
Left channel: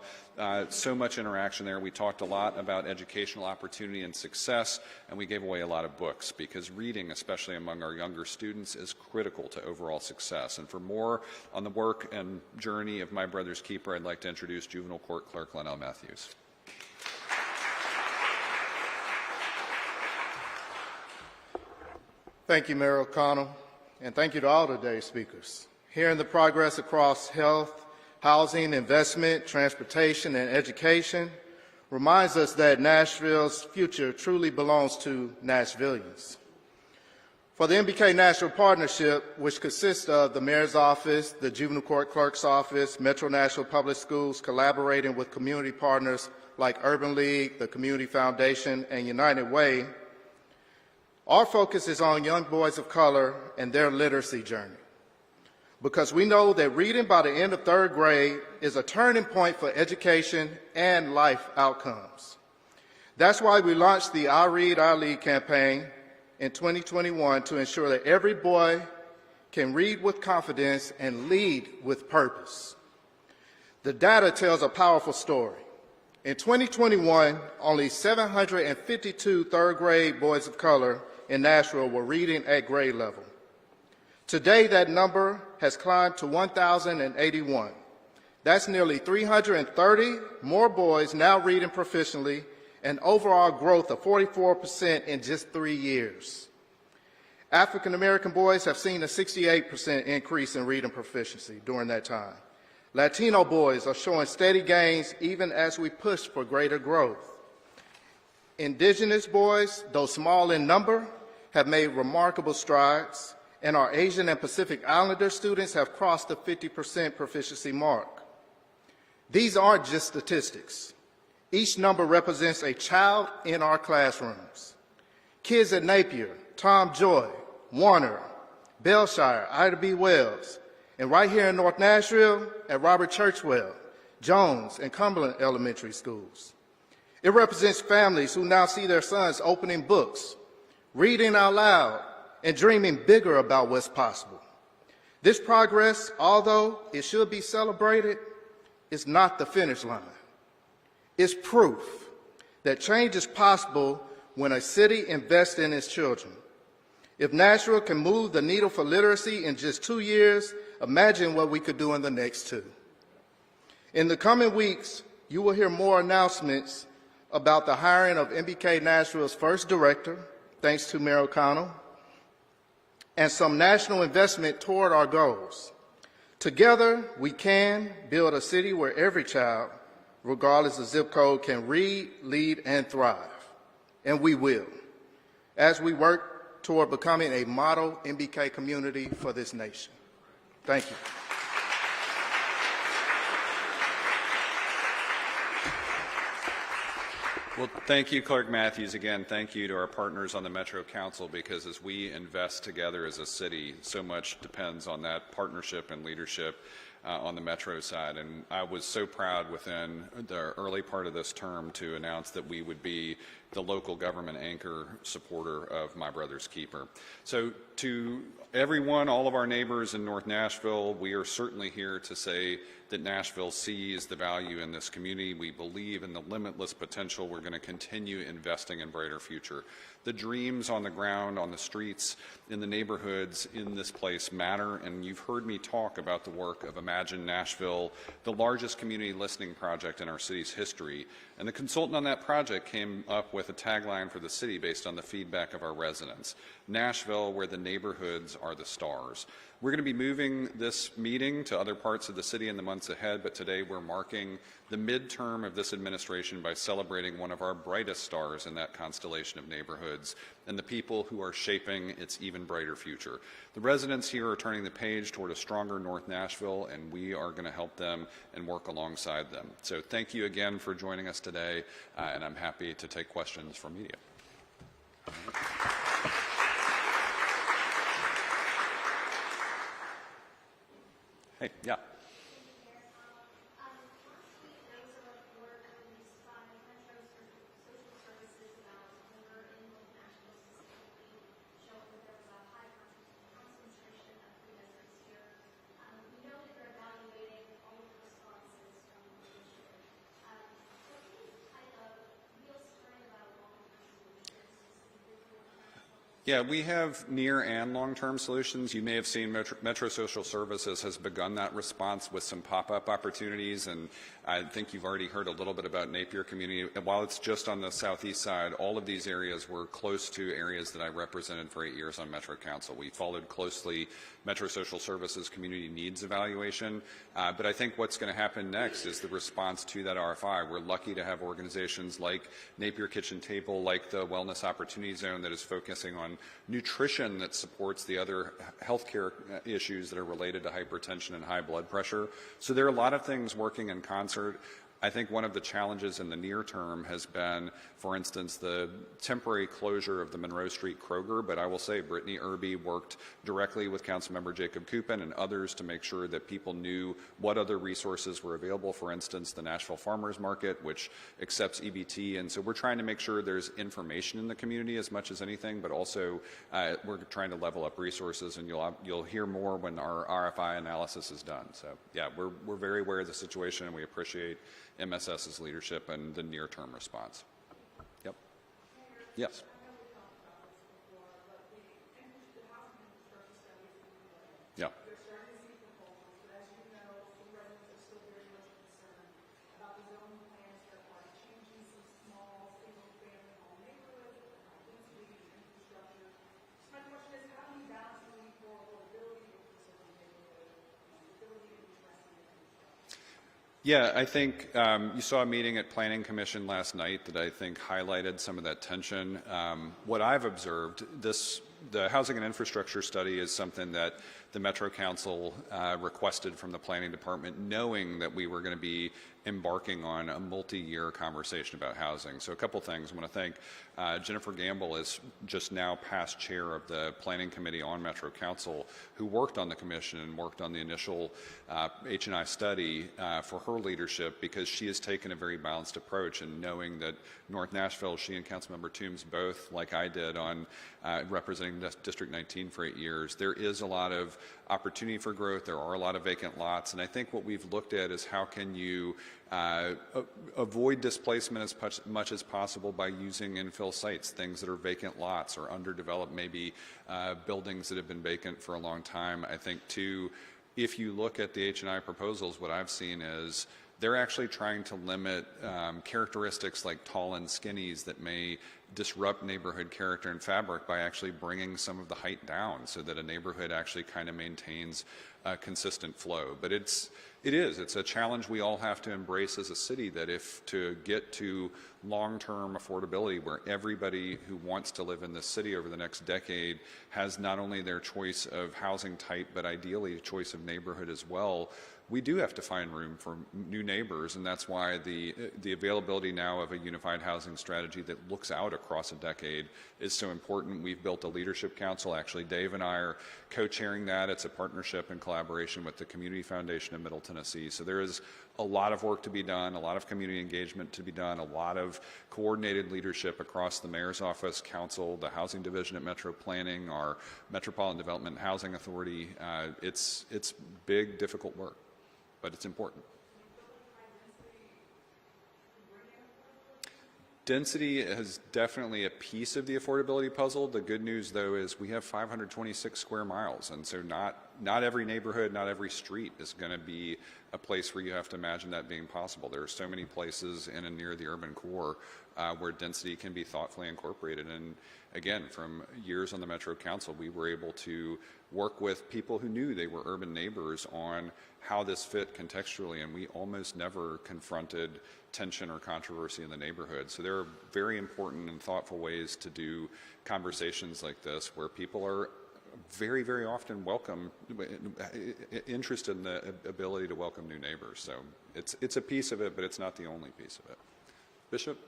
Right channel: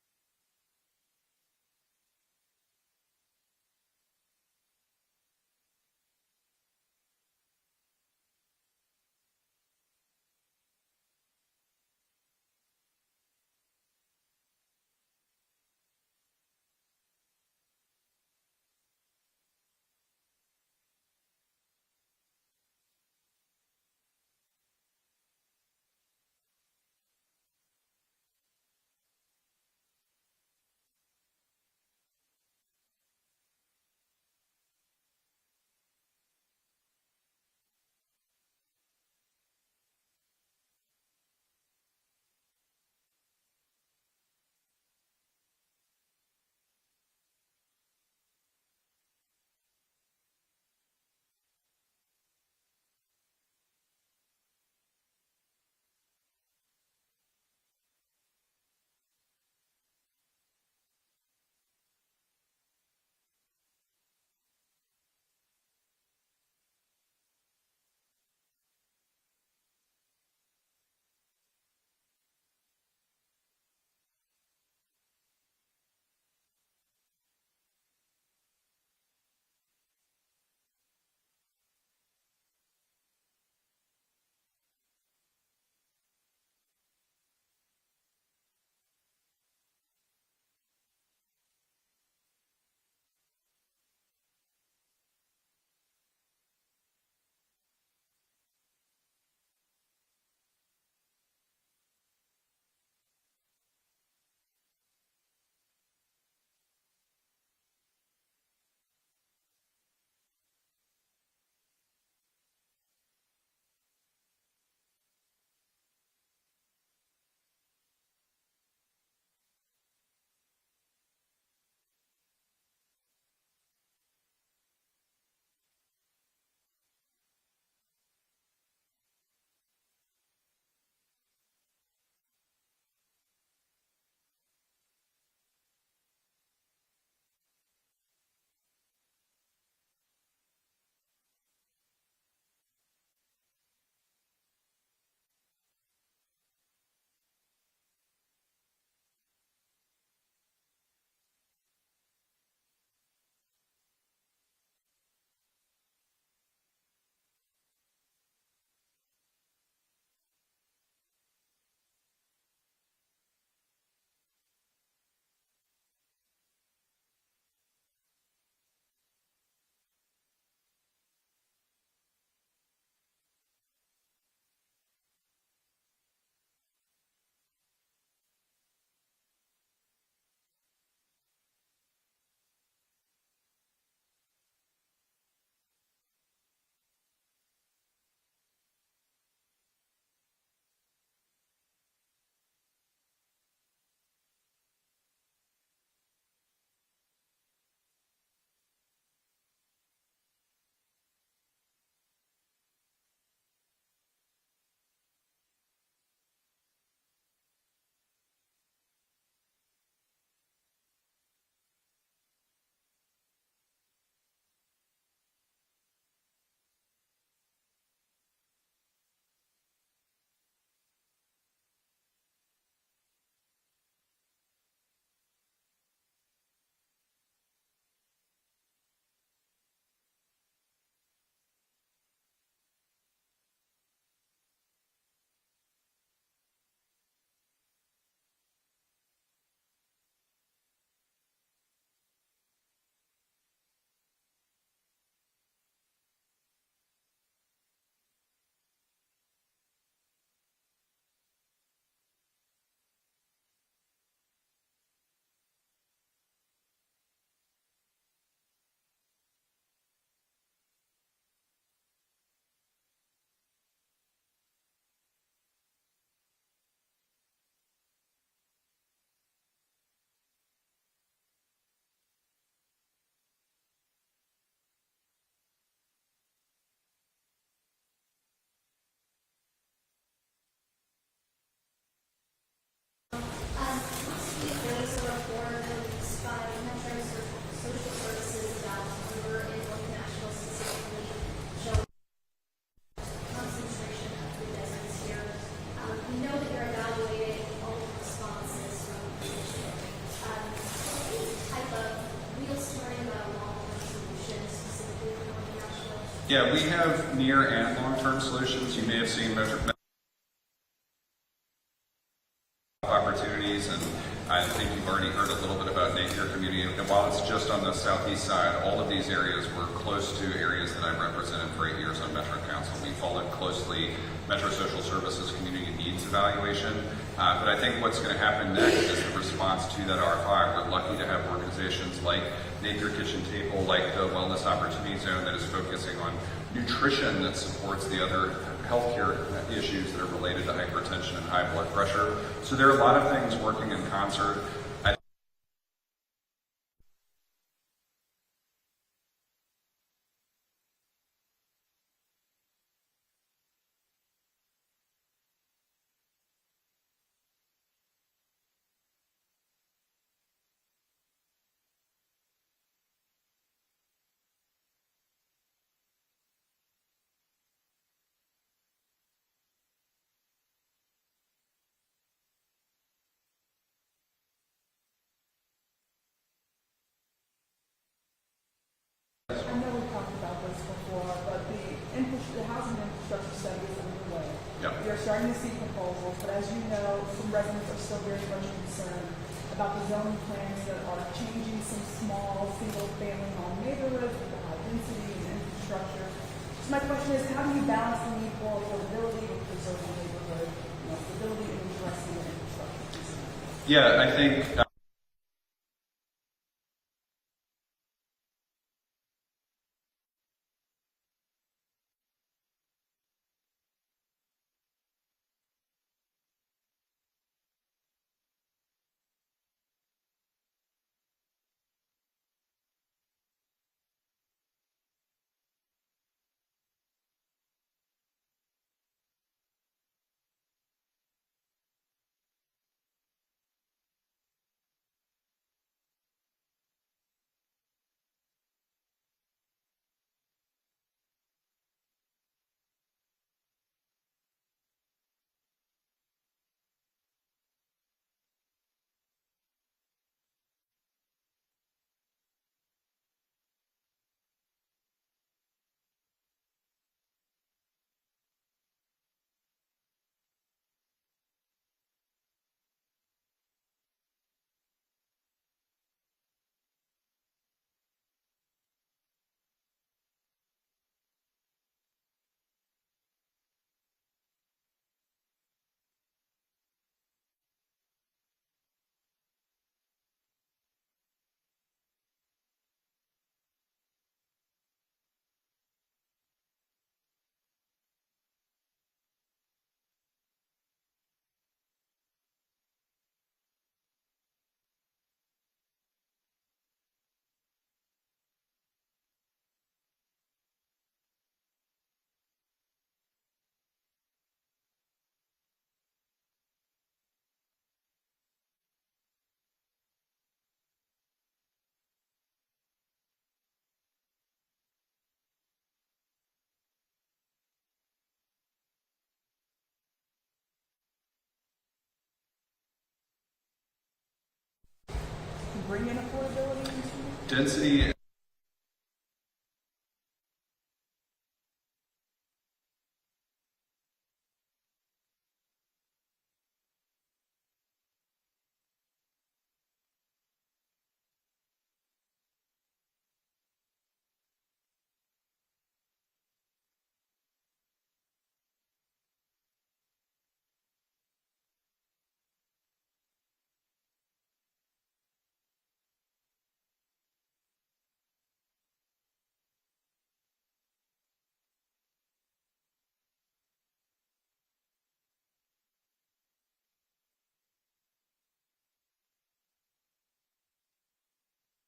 so much interaction there. We talked a lot about educational opportunity and success, and we gave away a lot of books because reading, especially among our younger students, is critical to overall success. And for more on the work and journey of My Brother's Keeper, I'd like to introduce Juvenile Court Clerk Lynell Matthews. Thank you, Mayor O'Connell, and thank you to all today's speakers. Hearing the progress across health, housing, investment, transportation, and education reminds us that Nashville's future truly belongs to Nashvillians. For the MBK Nashville Partnership, which consists of the Mayor's Office, the Juvenile Court Clerk's Office, Metro Nashville Public Schools, collaborating with community partners like Urban League, the Community Foundation, and United Way, our focus is on young boys of color and their literacy journey, because we know that reading by the end of 3rd grade is a turning point for education and life outcomes. That's why we launched the I Read, I Lead campaign in 2021 to ensure that every boy can read with confidence and lead with purpose. The data tells a powerful story. In 2021, only 752 3rd grade boys of color in Nashville were reading at grade level. Today, that number has climbed to 1,081. That's nearly 330 more boys now reading proficiently, and overall growth of 44% in just 3 years. African American boys have seen a 68% increase in reading proficiency during that time. Latino boys are showing steady gains even as we push for greater growth. Indigenous boys, though small in number, have made remarkable strides, and our Asian and Pacific Islander students have crossed the 50% proficiency mark. These aren't just statistics. Each number represents a child in our classrooms. Kids at Napier, Tom Joy, Warner, Belshire, Ida B. Wells, and right here in North Nashville at Robert Churchwell, Jones, and Cumberland Elementary Schools. It represents families who now see their sons opening books, reading out loud, and dreaming bigger about what's possible. This progress, although it should be celebrated, is not the finish line. It's proof that change is possible when a city invests in its children. If Nashville can move the needle for literacy in just 2 years, imagine what we could do in the next 2. In the coming weeks, you will hear more announcements about the hiring of MBK Nashville's first director, thanks to Mayor O'Connell, and some national investment toward our goals. Together, we can build a city where every child, regardless of zip code, can read, lead, and thrive. And we will, as we work toward becoming a model MBK community for this nation. Thank you. Well, thank you, Clerk Matthews. Again, thank you to our partners on the Metro Council, because as we invest together as a city, so much depends on that partnership and leadership on the Metro side. And I was so proud within the early part of this term to announce that we would be the local government anchor supporter of My Brother's Keeper. So to everyone, all of our neighbors in North Nashville, we are certainly here to say that Nashville sees the value in this community. We believe in the limitless potential. We're going to continue investing in brighter future. The dreams on the ground, on the streets, in the neighborhoods in this place matter, and you've heard me talk about the work of Imagine Nashville, the largest community listening project in our city's history. And the consultant on that project came up with a tagline for the city based on the feedback of our residents: Nashville, where the neighborhoods are the stars. We're going to be moving this meeting to other parts of the city in the months ahead, but today we're marking the midterm of this administration by celebrating one of our brightest stars in that constellation of neighborhoods and the people who are shaping its even brighter future. The residents here are turning the page toward a stronger North Nashville, and we are going to help them and work alongside them. So thank you again for joining us today, and I'm happy to take questions from media. Hey, yeah. Last week there was a report released by Metro Social Services about murder in North Nashville specifically, showing that there was a high concentration of food deserts here. We know that you're evaluating all of the responses from the initiative. Any type of real story about long-term solutions specifically for North Nashville? Yeah, we have near and long-term solutions. You may have seen Metro Social Services has begun that response with some pop-up opportunities, and I think you've already heard a little bit about Napier Community. And while it's just on the southeast side, all of these areas were close to areas that I represented for 8 years on Metro Council. We followed closely Metro Social Services Community Needs Evaluation. But I think what's going to happen next is the response to that R5. We're lucky to have organizations like Napier Kitchen Table, like the Wellness Opportunity Zone that is focusing on nutrition that supports the other healthcare issues that are related to hypertension and high blood pressure. So there are a lot of things working in concert. I think one of the challenges in the near term has been, for instance, the temporary closure of the Monroe Street Kroger, but I will say Brittany Irby worked directly with Councilmember Jacob Coupin and others to make sure that people knew what other resources were available. For instance, the Nashville Farmers Market, which accepts EBT, and so we're trying to make sure there's information in the community as much as anything, but also we're trying to level up resources, and you'll hear more when our RFI analysis is done. So yeah, we're very aware of the situation, and we appreciate MSS's leadership and the near-term response. Yep. Yes. I know we've talked about this before, but the housing infrastructure study is underway. Yep. We are starting to see proposals, but as you know, some residents are still very much concerned about the zoning plans that are changing some small single-family home neighborhoods with the high density and infrastructure. So my question is, how do you balance the need for affordability with preserving neighborhood, stability and addressing the infrastructure? Yeah, I think you saw a meeting at Planning Commission last night that I think highlighted some of that tension. What I've observed, the housing and infrastructure study is something that the Metro Council requested from the Planning Department, knowing that we were going to be embarking on a multi-year conversation about housing. So a couple things. I want to thank Jennifer Gamble is just now past chair of the Planning Committee on Metro Council, who worked on the commission and worked on the initial H&I study for her leadership, because she has taken a very balanced approach, and knowing that North Nashville, she and Councilmember Toombs both, like I did on representing District 19 for 8 years, there is a lot of opportunity for growth. There are a lot of vacant lots, and I think what we've looked at is how can you avoid displacement as much as possible by using infill sites, things that are vacant lots or underdeveloped, maybe buildings that have been vacant for a long time. I think too, if you look at the H&I proposals, what I've seen is they're actually trying to limit characteristics like tall and skinnies that may disrupt neighborhood character and fabric by actually bringing some of the height down so that a neighborhood actually kind of maintains a consistent flow. But it's a challenge we all have to embrace as a city, that if to get to long-term affordability where everybody who wants to live in this city over the next decade has not only their choice of housing type, but ideally a choice of neighborhood as well, we do have to find room for new neighbors, and that's why the availability now of a unified housing strategy that looks out across a decade is so important. We've built a leadership council. Actually, Dave and I are co-chairing that. It's a partnership and collaboration with the Community Foundation of Middle Tennessee. So there is a lot of work to be done, a lot of community engagement to be done, a lot of coordinated leadership across the Mayor's Office, Council, the Housing Division at Metro Planning, our Metropolitan Development and Housing Authority. It's big, difficult work, but it's important. Bring in affordability into Density is definitely a piece of the affordability puzzle. The good news, though, is we have 526 square miles, and so not every neighborhood, not every street is going to be a place where you have to imagine that being possible. There are so many places in and near the urban core where density can be thoughtfully incorporated. And again, from years on the Metro Council, we were able to work with people who knew they were urban neighbors on how this fit contextually, and we almost never confronted tension or controversy in the neighborhood. So there are very important and thoughtful ways to do conversations like this where people are very, very often interested in the ability to welcome new neighbors. So it's a piece of it, but it's not the only piece of it. Bishop?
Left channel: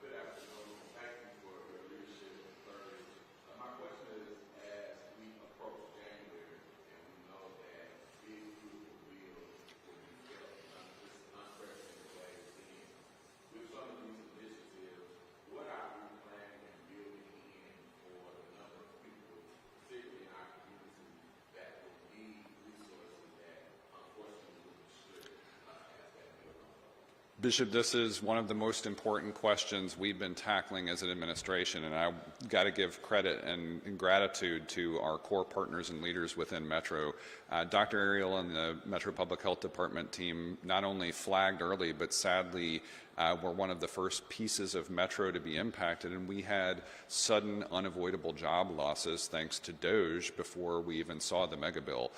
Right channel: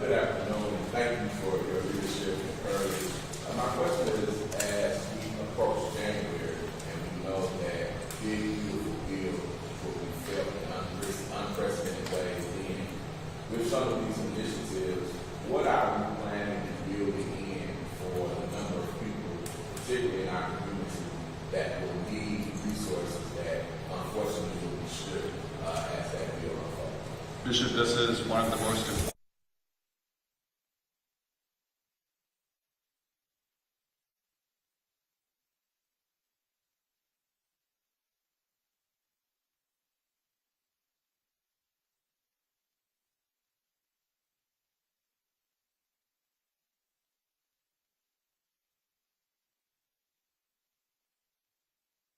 Good afternoon, and thank you for your leadership and courage. My question is, as we approach January, and we know that big, beautiful bill will be felt in unprecedented ways then, with some of these initiatives, what are we planning to build in for the number of people, particularly in our community, that will need resources that unfortunately will be stripped as that bill unfolds? Bishop, this is one of the most important questions we've been tackling as an administration, and I've got to give credit and gratitude to our core partners and leaders within Metro. Dr. Ariel and the Metro Public Health Department team not only flagged early, but sadly were one of the first pieces of Metro to be impacted, and we had sudden, unavoidable job losses thanks to DOGE before we even saw the mega bill.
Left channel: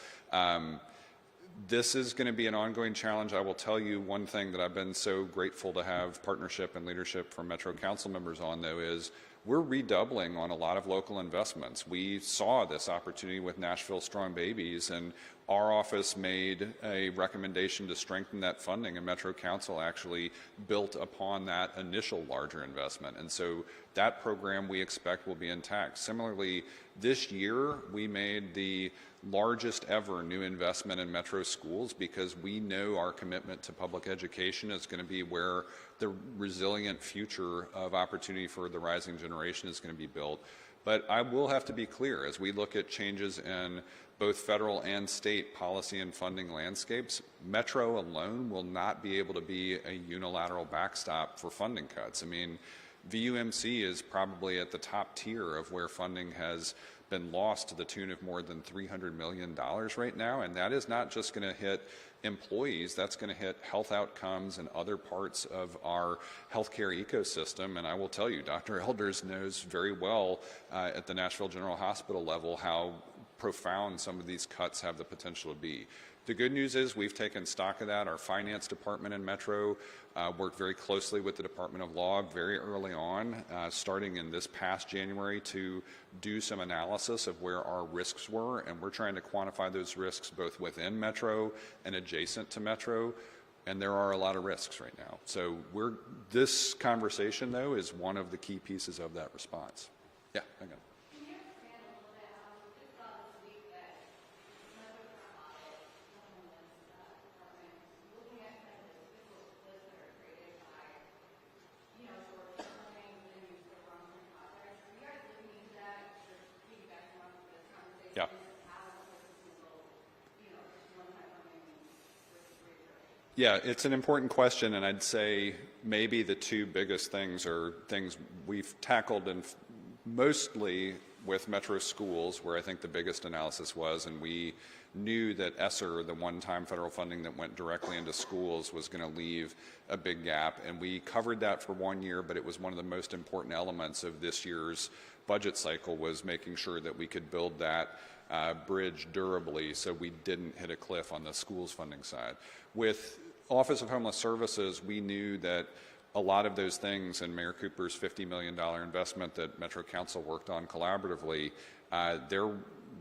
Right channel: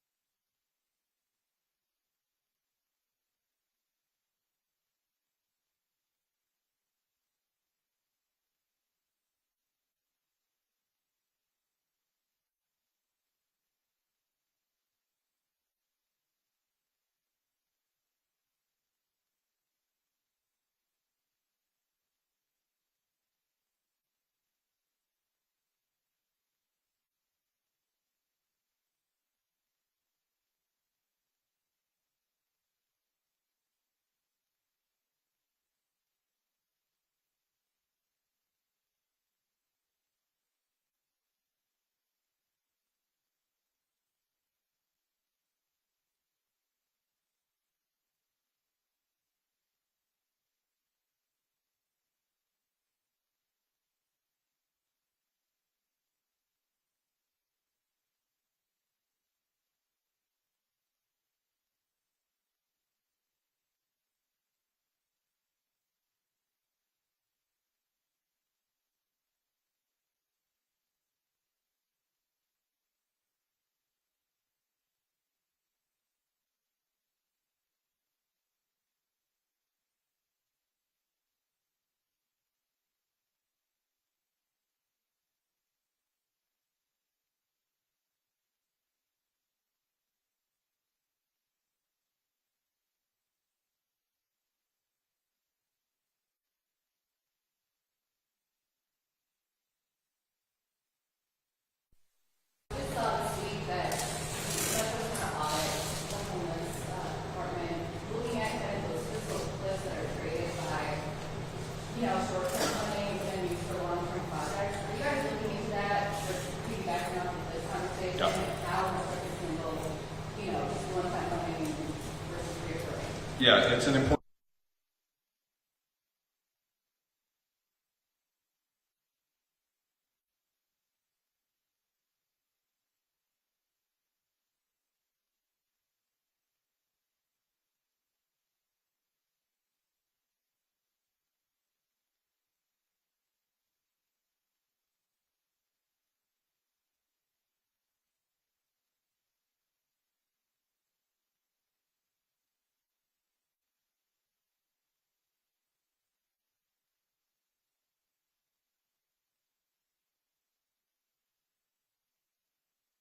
This is going to be an ongoing challenge. I will tell you one thing that I've been so grateful to have partnership and leadership from Metro Council members on, though, is we're redoubling on a lot of local investments. We saw this opportunity with Nashville Strong Babies, and our office made a recommendation to strengthen that funding, and Metro Council actually built upon that initial larger investment. And so that program we expect will be intact. Similarly, this year we made the largest ever new investment in Metro schools because we know our commitment to public education is going to be where the resilient future of opportunity for the rising generation is going to be built. But I will have to be clear, as we look at changes in both federal and state policy and funding landscapes, Metro alone will not be able to be a unilateral backstop for funding cuts. I mean, VUMC is probably at the top tier of where funding has been lost to the tune of more than $300 million right now, and that is not just going to hit employees, that's going to hit health outcomes and other parts of our healthcare ecosystem. And I will tell you, Dr. Elders knows very well at the Nashville General Hospital level how profound some of these cuts have the potential to be. The good news is we've taken stock of that. Our finance department in Metro worked very closely with the Department of Law very early on, starting in this past January, to do some analysis of where our risks were, and we're trying to quantify those risks both within Metro and adjacent to Metro, and there are a lot of risks right now. So this conversation, though, is one of the key pieces of that response. Yeah, hang on. We saw this week that Metro's kind of audit the homeless department, looking at kind of those fiscal cliffs that are created by, short-term funding and used for long-term projects. Are you guys looking into that, just piggybacking off of this conversation? Yeah. How much of this can go, just one-time funding versus reoccurring? Yeah, it's an important question, and I'd say maybe the two biggest things are things we've tackled, and mostly with Metro schools, where I think the biggest analysis was, and we knew that ESSER, the one-time federal funding that went directly into schools, was going to leave a big gap, and we covered that for 1 year, but it was one of the most important elements of this year's budget cycle, was making sure that we could build that bridge durably so we didn't hit a cliff on the schools funding side. With Office of Homeless Services, we knew that a lot of those things, and Mayor Cooper's $50 million investment that Metro Council worked on collaboratively,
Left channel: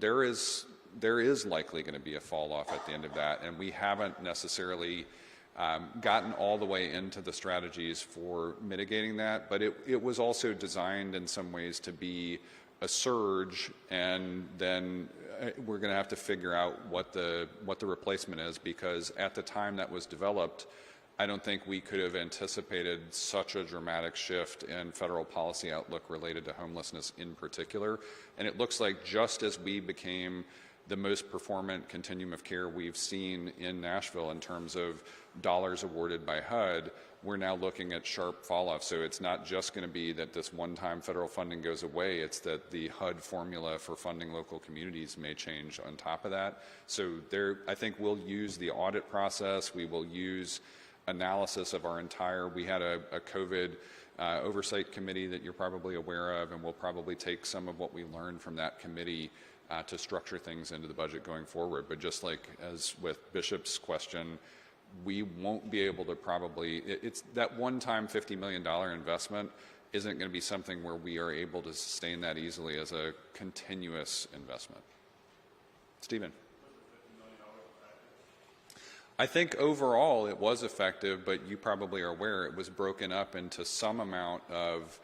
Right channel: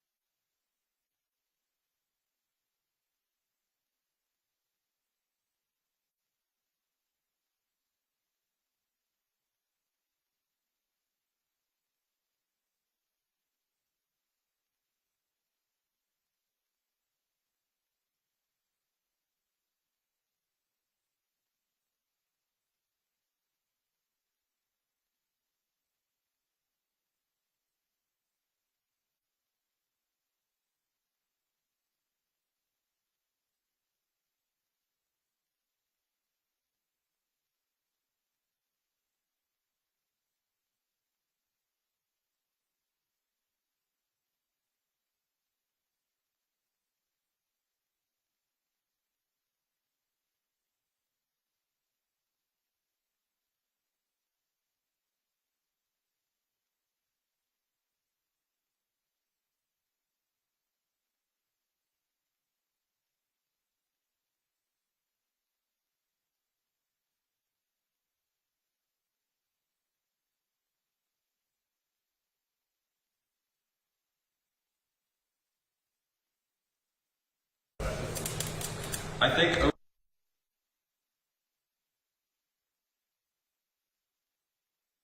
there is likely going to be a fall off at the end of that, and we haven't necessarily gotten all the way into the strategies for mitigating that, but it was also designed in some ways to be a surge, and then we're going to have to figure out what the replacement is, because at the time that was developed, I don't think we could have anticipated such a dramatic shift in federal policy outlook related to homelessness in particular. And it looks like just as we became the most performant continuum of care we've seen in Nashville in terms of dollars awarded by HUD, we're now looking at sharp fall off. So it's not just going to be that this one-time federal funding goes away, it's that the HUD formula for funding local communities may change on top of that. So I think we'll use the audit process, we will use analysis of our entire, we had a COVID oversight committee that you're probably aware of, and we'll probably take some of what we learned from that committee to structure things into the budget going forward. But just like as with Bishop's question, we won't be able to probably, it's that one-time $50 million investment isn't going to be something where we are able to sustain that easily as a continuous investment. Stephen? I think overall it was effective, but you probably are aware it was broken up into some amount of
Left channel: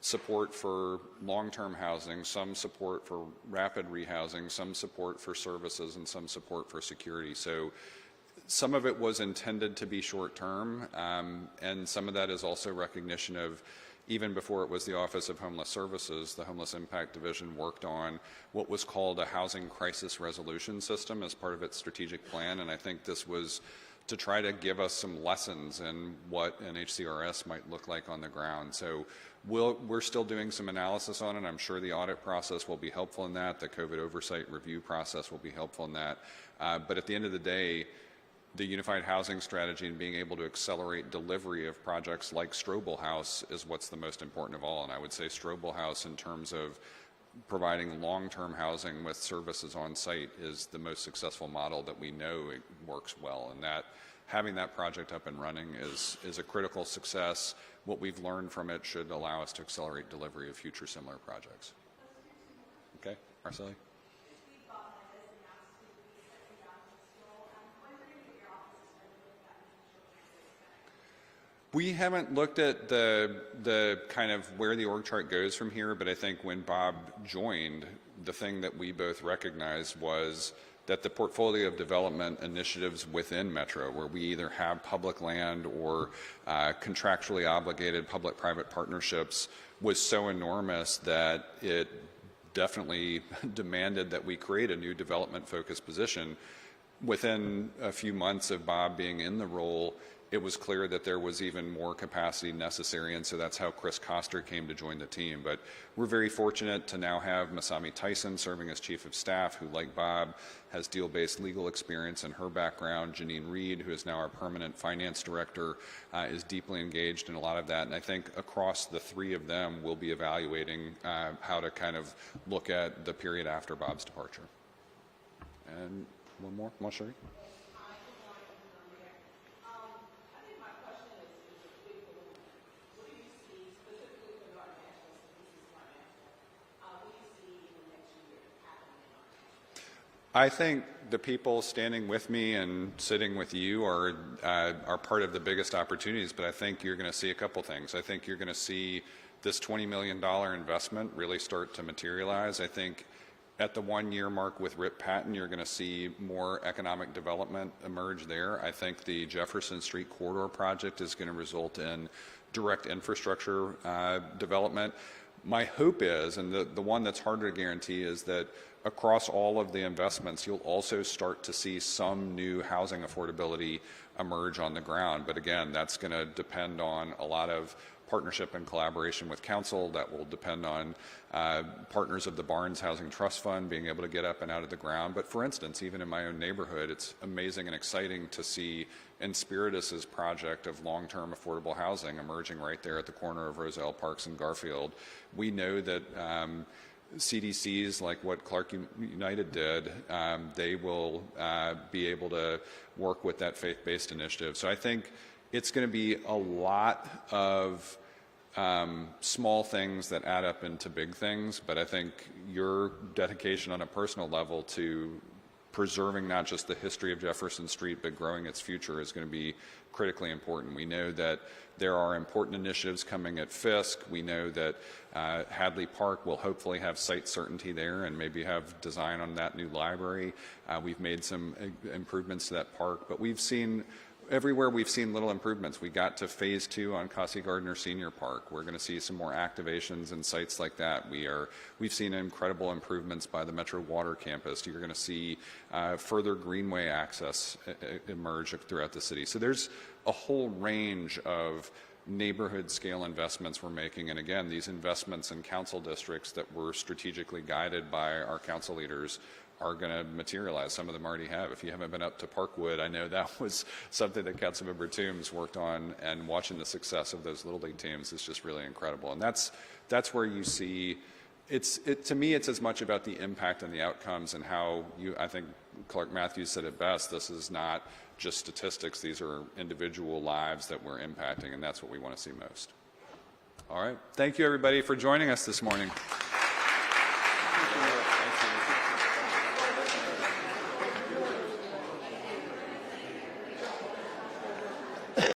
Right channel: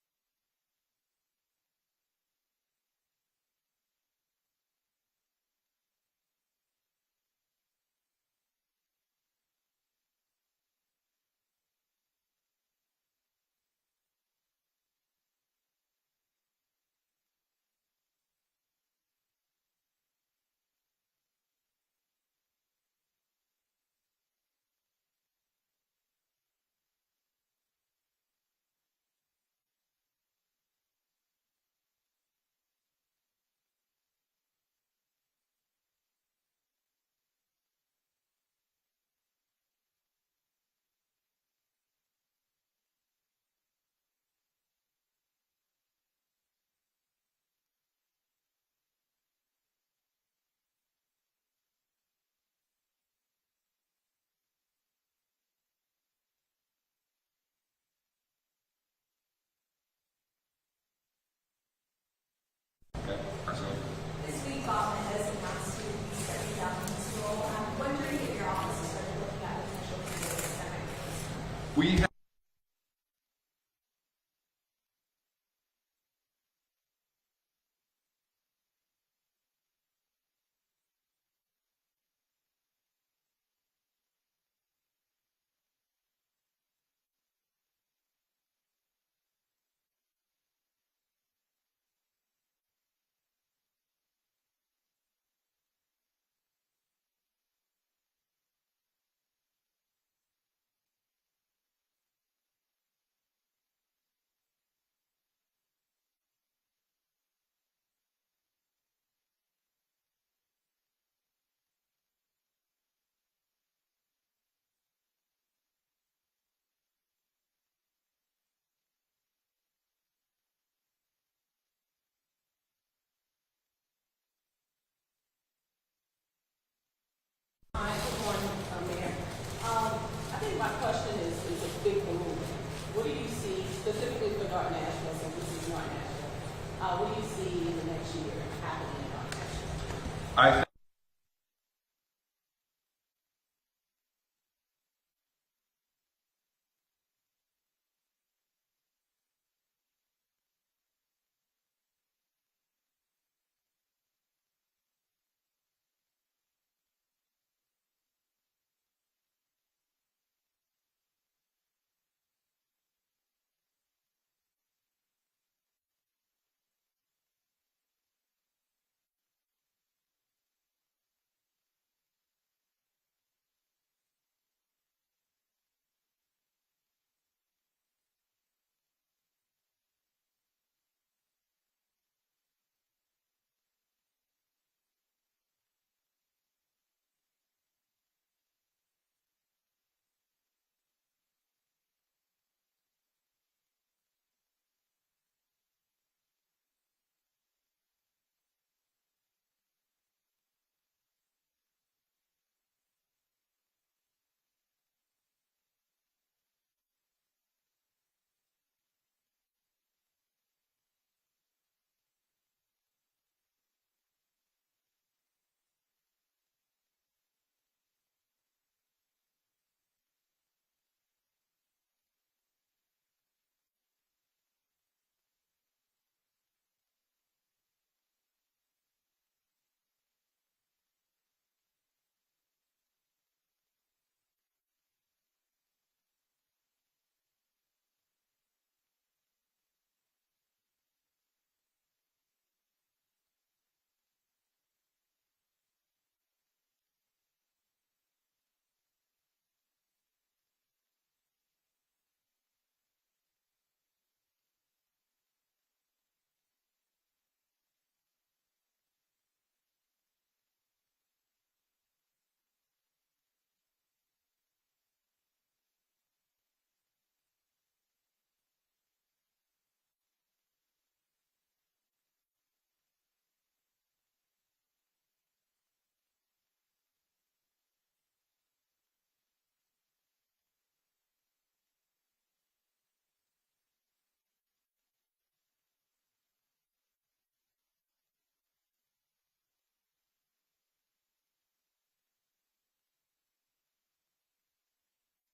support for long-term housing, some support for rapid rehousing, some support for services, and some support for security. So some of it was intended to be short-term, and some of that is also recognition of, even before it was the Office of Homeless Services, the Homeless Impact Division worked on what was called a housing crisis resolution system as part of its strategic plan, and I think this was to try to give us some lessons in what an HCRS might look like on the ground. So we're still doing some analysis on it. I'm sure the audit process will be helpful in that. The COVID oversight review process will be helpful in that. But at the end of the day, the unified housing strategy and being able to accelerate delivery of projects like Strobel House is what's the most important of all. And I would say Strobel House, in terms of providing long-term housing with services on site, is the most successful model that we know it works well. And that having that project up and running is a critical success. What we've learned from it should allow us to accelerate delivery of future similar projects. Okay. So, This week, Bob has announced to be stepping down from his role. I'm wondering if your office has started looking at potential candidates that might be. we haven't looked at the kind of where the org chart goes from here, but I think when Bob joined, the thing that we both recognized was that the portfolio of development initiatives within Metro, where we either have public land or contractually obligated public-private partnerships, was so enormous that it definitely demanded that we create a new development-focused position. Within a few months of Bob being in the role, it was clear that there was even more capacity necessary, and so that's how Chris Koster came to join the team. But we're very fortunate to now have Masami Tyson serving as Chief of Staff, who, like Bob, has deal-based legal experience in her background. Janine Reed, who is now our permanent finance director, is deeply engaged in a lot of that. And I think across the three of them, we'll be evaluating how to kind of look at the period after Bob's departure. And one more, Sherry? Hi, good morning, Mayor. I think my question is a big balloon. What do you see, specifically for North Nashville, since this is North Nashville, what do you see in the next year happening in North Nashville? I think the people standing with me and sitting with you are part of the biggest opportunities, but I think you're going to see a couple things. I think you're going to see this $20 million investment really start to materialize. I think at the 1-year mark with Rip Patton, you're going to see more economic development emerge there. I think the Jefferson Street Corridor project is going to result in direct infrastructure development. My hope is, and the one that's harder to guarantee, is that across all of the investments, you'll also start to see some new housing affordability emerge on the ground. But again, that's going to depend on a lot of partnership and collaboration with council. That will depend on partners of the Barnes Housing Trust Fund being able to get up and out of the ground. But for instance, even in my own neighborhood, it's amazing and exciting to see Inspiritus's project of long-term affordable housing emerging right there at the corner of Roselle Parks and Garfield. We know that CDCs, like what Clark United did, they will be able to work with that faith-based initiative. So I think it's going to be a lot of small things that add up into big things, but I think your dedication on a personal level to preserving not just the history of Jefferson Street, but growing its future is going to be critically important. We know that there are important initiatives coming at Fisk. We know that Hadley Park will hopefully have site certainty there and maybe have design on that new library. We've made some improvements to that park, but everywhere we've seen little improvements. We got to phase 2 on Cassie Gardner Senior Park. We're going to see some more activations and sites like that. We've seen incredible improvements by the Metro Water Campus. You're going to see further greenway access emerge throughout the city. So there's a whole range of neighborhood scale investments we're making. And again, these investments in council districts that were strategically guided by our council leaders are going to materialize. Some of them already have. If you haven't been up to Parkwood, I know that was something that Councilmember Toombs worked on, and watching the success of those Little League teams is just really incredible. And that's where you see, to me, it's as much about the impact and the outcomes and how I think Clark Matthews said it best, this is not just statistics, these are individual lives that we're impacting, and that's what we want to see most. All right. Thank you, everybody, for joining us this morning.